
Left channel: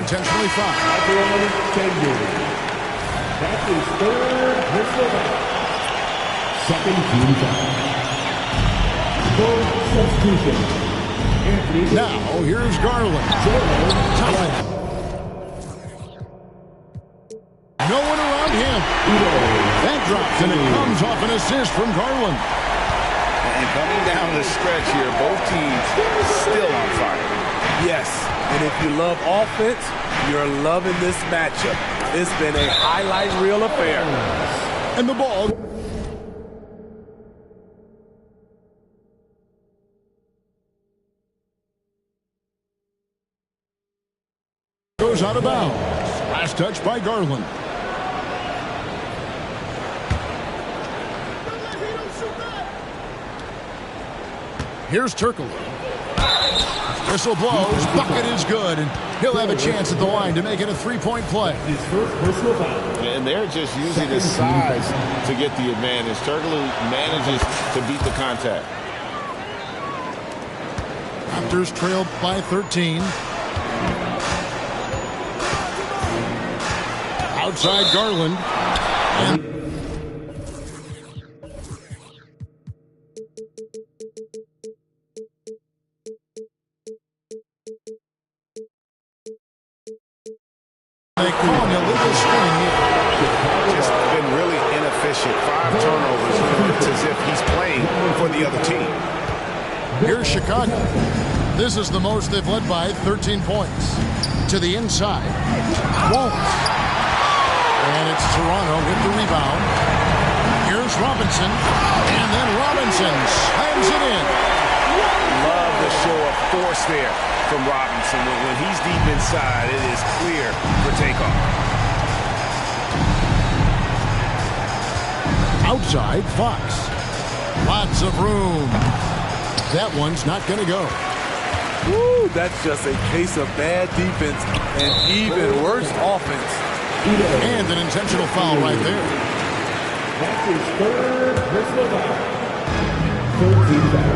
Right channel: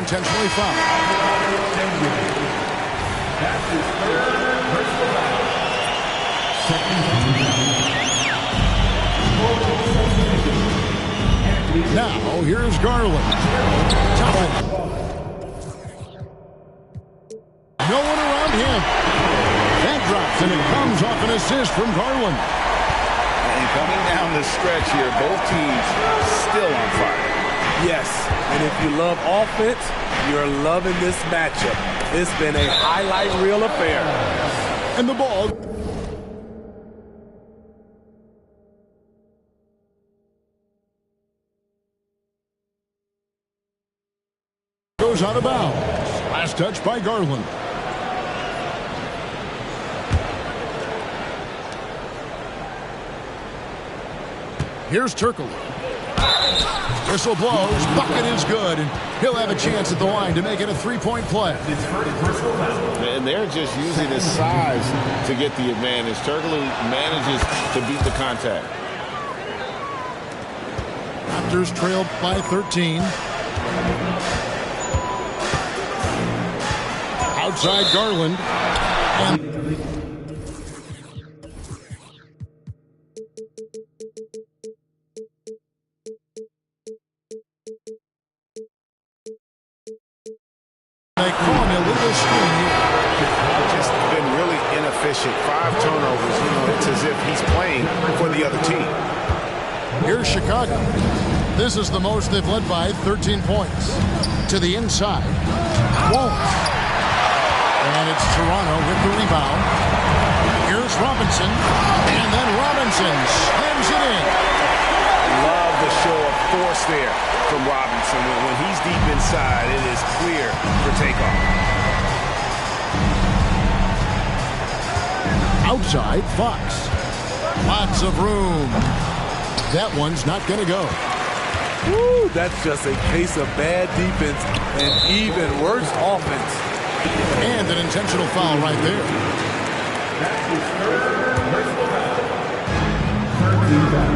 intentionally foul. That's his third personal foul. Second team foul. Now, here's Garland. Toppin. No one around him. That drops, and it comes off an assist from Garland. And coming down the stretch here, both teams still on fire. Yes, and if you love offense, you're loving this matchup. It's been a highlight reel affair. And the ball goes out of bounds. Last touch by Garland. Here's Turkoglu. Whistle blows. Bucket is good, and he'll have a chance at the line to make it a three-point play. His first personal foul. And they're just using his size to get the advantage. Turkoglu manages to beat the contact. Raptors trailed by 13. Outside Garland. And they call an illegal screen here. Just been really inefficient. 5 turnovers. You know, it's as if he's playing for the other team. Here's Chicago. This is the most they've led by 13 points. To the inside. Won't. And it's Toronto with the rebound. Here's Robinson. And then Robinson slams it in. Love the show of force there from Robinson. When he's deep inside, it is clear for takeoff. Outside, Fox. Lots of room. That one's not going to go. Woo, that's just a case of bad defense and even worse offense. And an intentional foul right there. That's his third personal foul. Third team foul.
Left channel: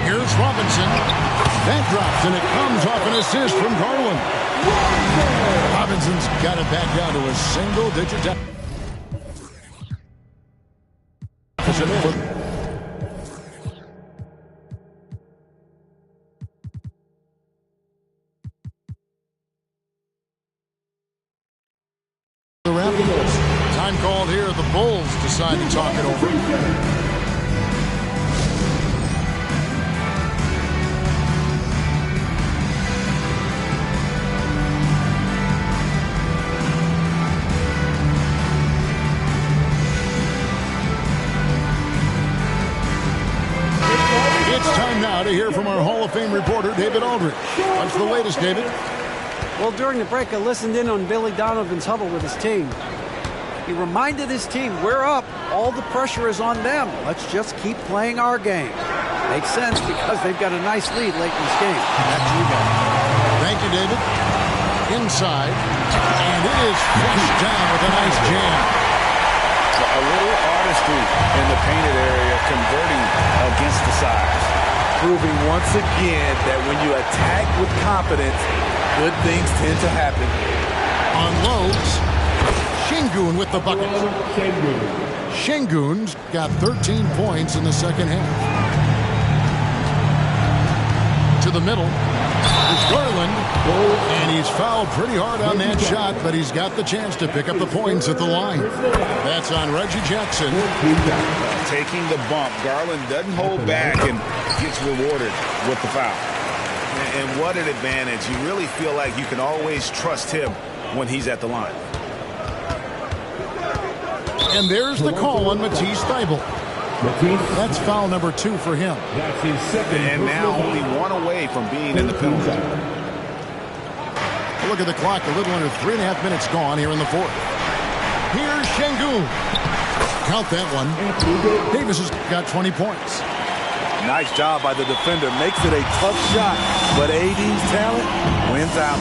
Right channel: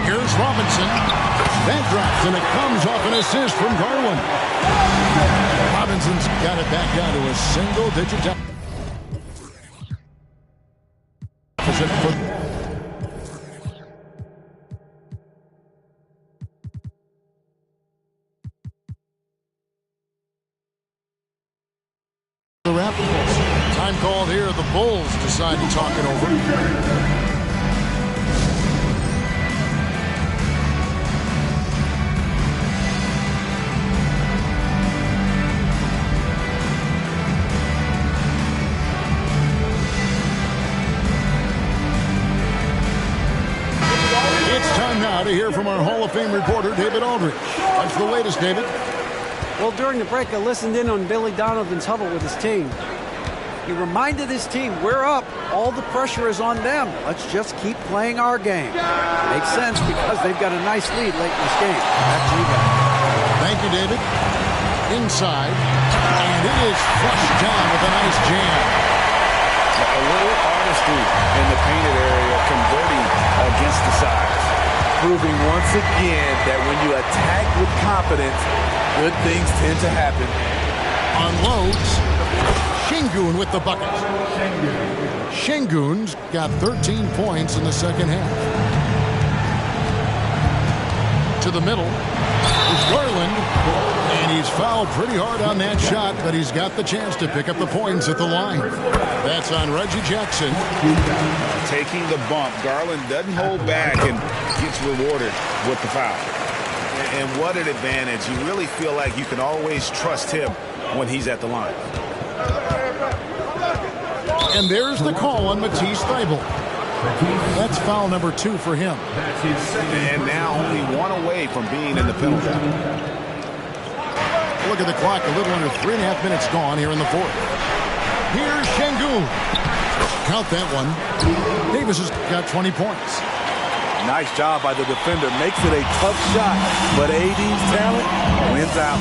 Here's Robinson. That drops, and it comes off an assist from Garland. Robinson's got it back down to a single-digit deficit for the Raptors. Time called here. The Bulls decide to talk it over. It's time now to hear from our Hall of Fame reporter, David Aldridge. What's the latest, David? Well, during the break, I listened in on Billy Donovan's huddle with his team. He reminded his team, we're up. All the pressure is on them. Let's just keep playing our game. Makes sense because they've got a nice lead late in this game. Back to you guys. Thank you, David. Inside. And it is flushed down with a nice jam. A little artistry in the painted area, converting against the size. Proving once again that when you attack with confidence, good things tend to happen. Unloads. Şengün with the bucket. Şengün's got 13 points in the second half. To the middle is Garland. And he's fouled pretty hard on that shot, but he's got the chance to pick up the points at the line. That's on Reggie Jackson. Taking the bump. Garland doesn't hold back and gets rewarded with the foul. And what an advantage. You really feel like you can always trust him when he's at the line. And there's the call on Matisse Thybulle. That's foul number 2 for him. That's his second. And now only 1 away from being in the penalty. Look at the clock, a little under 3.5 minutes gone here in the fourth. Here's Şengün. Count that one. Davis has got 20 points. Nice job by the defender. Makes it a tough shot, but AD's talent wins out.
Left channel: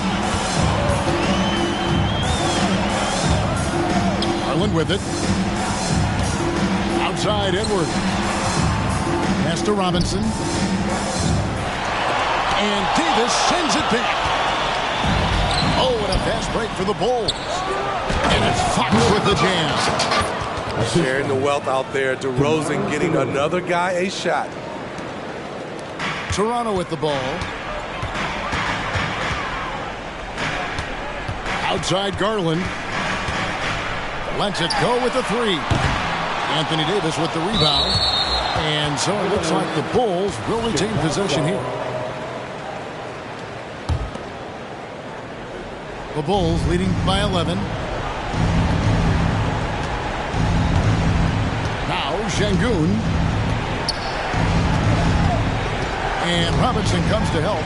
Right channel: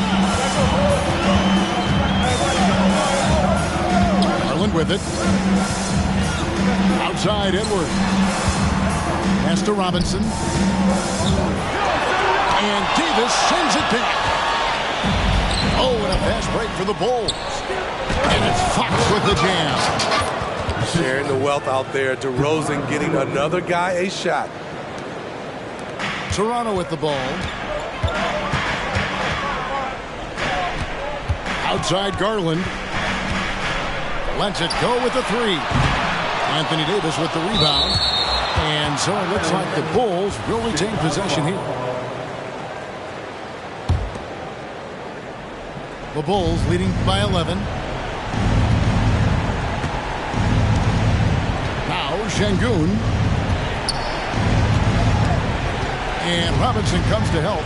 Garland with it. Outside Edwards. Pass to Robinson. And Davis sends it back. Oh, and a fast break for the Bulls. And it's Fox with the jam. Sharing the wealth out there. DeRozan getting another guy a shot. Toronto with the ball. Outside Garland. Lets it go with the three. Anthony Davis with the rebound. And so it looks like the Bulls will retain possession here. The Bulls leading by 11. Now Şengün. And Robinson comes to help.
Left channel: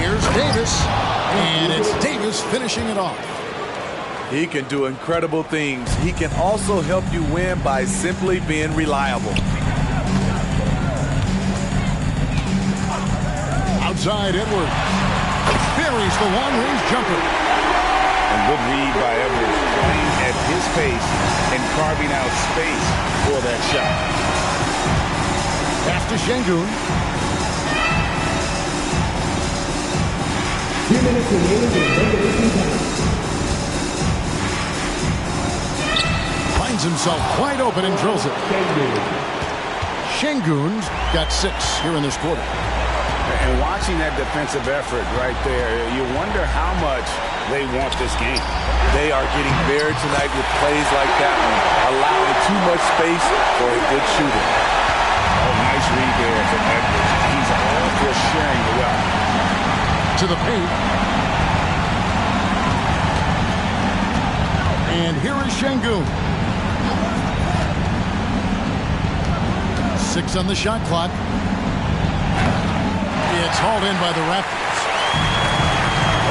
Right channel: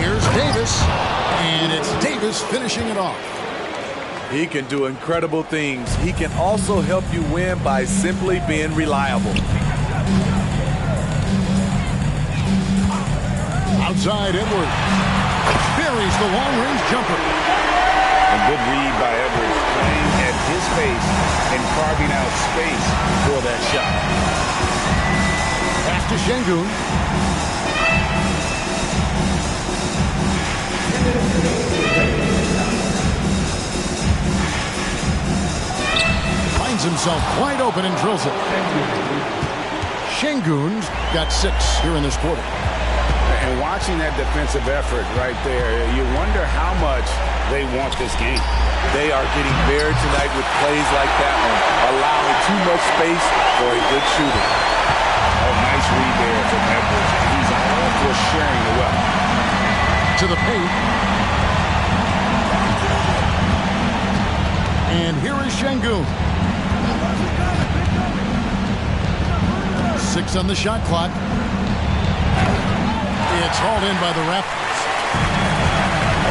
Here's Davis. And it's Davis finishing it off. He can do incredible things. He can also help you win by simply being reliable. Outside Edwards. Buries the long-range jumper. A good read by Edwards, playing at his pace and carving out space for that shot. Pass to Şengün. Finds himself wide open and drills it. Şengün's got 6 here in this quarter. And watching that defensive effort right there, you wonder how much they want this game. They are getting buried tonight with plays like that one, allowing too much space for a good shooter. Oh, nice read there from Edwards. He's all for sharing the wealth. To the paint. And here is Şengün. 6 on the shot clock. It's hauled in by the Raptors.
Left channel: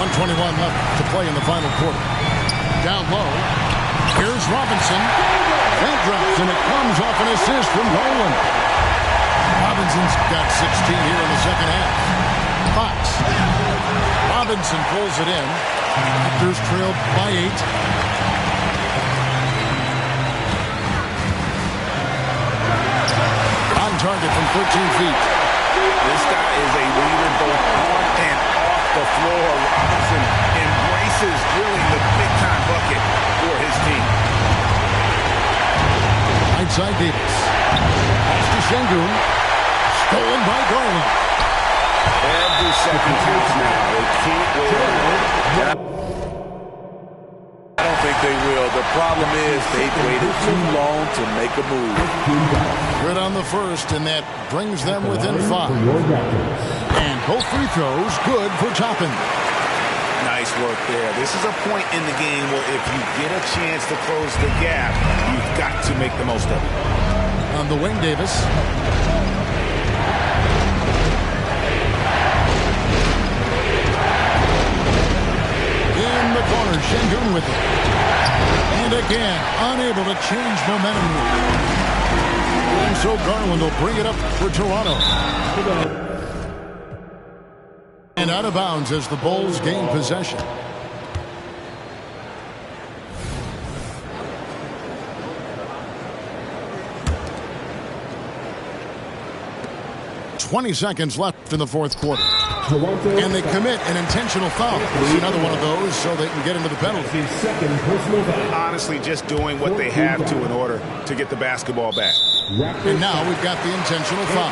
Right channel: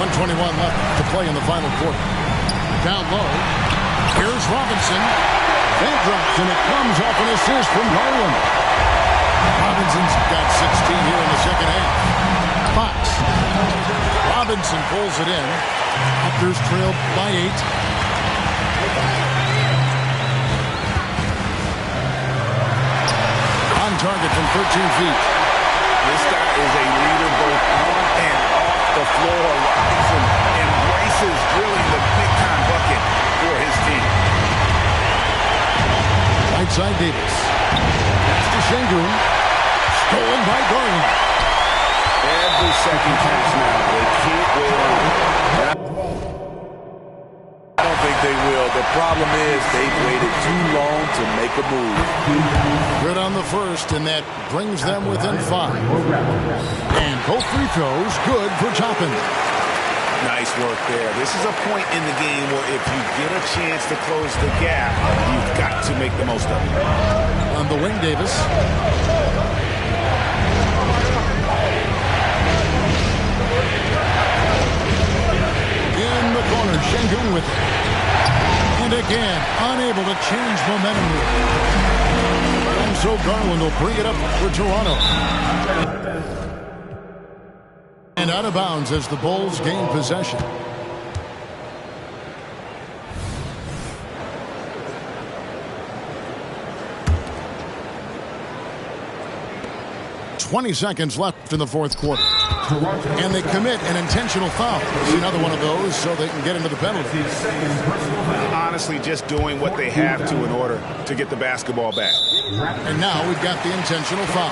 1:21 left to play in the final quarter. Down low. Here's Robinson. That drops, and it comes off an assist from Garland. Robinson's got 16 here in the second half. Fox. Robinson pulls it in. Raptors trail by 8. On target from 13 feet. This guy is a leader both on and off the floor. Robinson embraces drilling the big-time bucket for his team. Right side Davis. Pass to Şengün. Stolen by Garland. Every second counts now. They can't wait around. I don't think they will. The problem is they've waited too long to make a move. Good on the first, and that brings them within 5. And both free throws good for Toppin. Nice work there. This is a point in the game where if you get a chance to close the gap, you've got to make the most of it. On the wing, Davis. In the corner, Şengün with it. And again, unable to change momentum here. And so Garland will bring it up for Toronto. And out of bounds as the Bulls gain possession. .20 left in the fourth quarter. And they commit an intentional foul. It's another one of those so they can get into the penalty. Honestly, just doing what they have to in order to get the basketball back. And now we've got the intentional foul.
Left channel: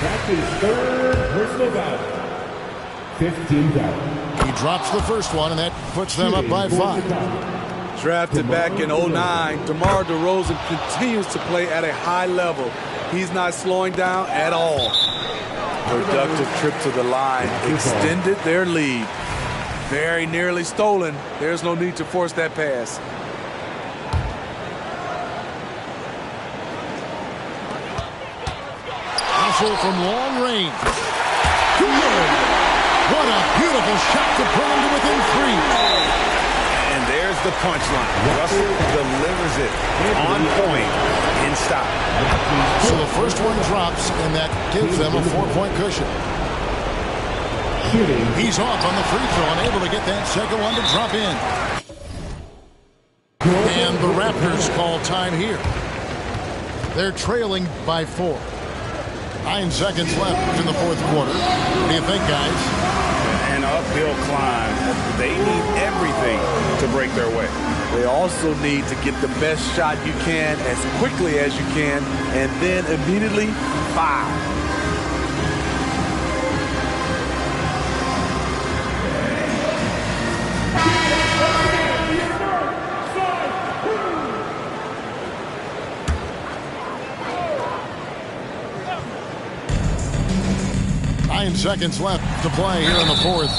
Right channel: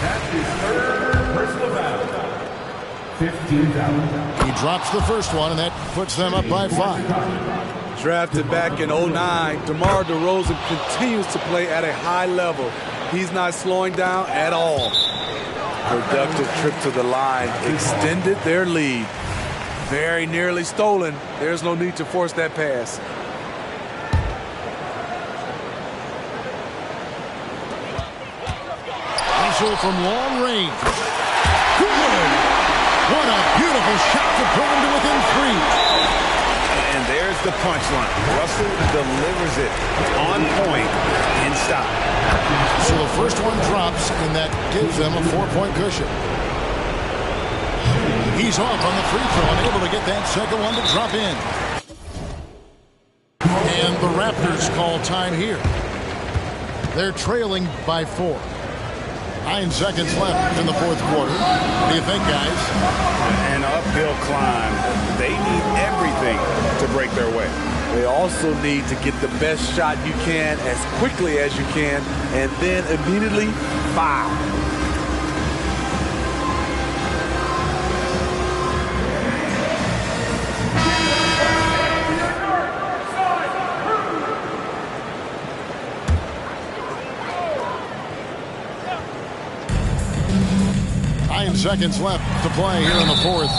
That is third personal foul. 15 foul. He drops the first one, and that puts them up by 5. Drafted back in 09, DeMar DeRozan continues to play at a high level. He's not slowing down at all. Productive trip to the line extended their lead. Very nearly stolen. There's no need to force that pass. Russell from long range. Good. What a beautiful shot to bring him to within 3. And there's the punchline. Russell delivers it on point in style. So the first one drops, and that gives them a 4-point cushion. He's off on the free throw, unable to get that second one to drop in. And the Raptors call time here. They're trailing by 4. 9 seconds left in the fourth quarter. What do you think, guys? An uphill climb. They need everything to break their way. They also need to get the best shot you can as quickly as you can, and then immediately foul. Nine seconds left to play here in the fourth.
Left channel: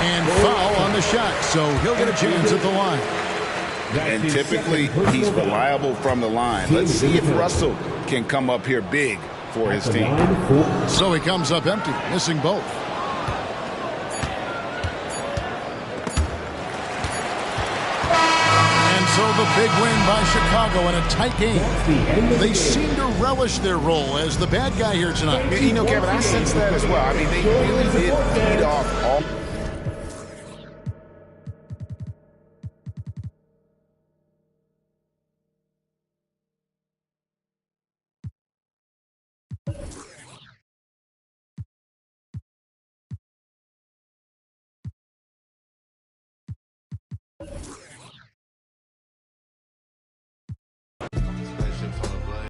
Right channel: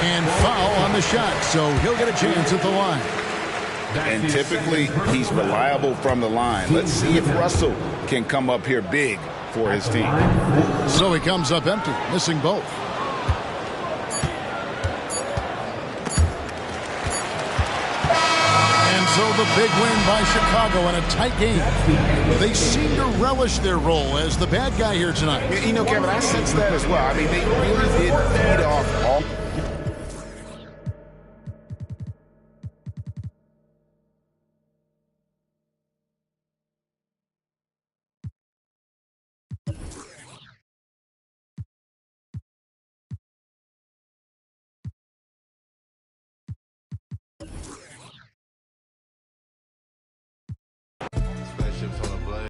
And foul on the shot, so he'll get a chance at the line. And typically, he's reliable from the line. Let's see if Russell can come up here big for his team. So he comes up empty, missing both. And so the big win by Chicago in a tight game. They seem to relish their role as the bad guy here tonight. You know, Kevin, I sense that as well. I mean, they really did feed off all...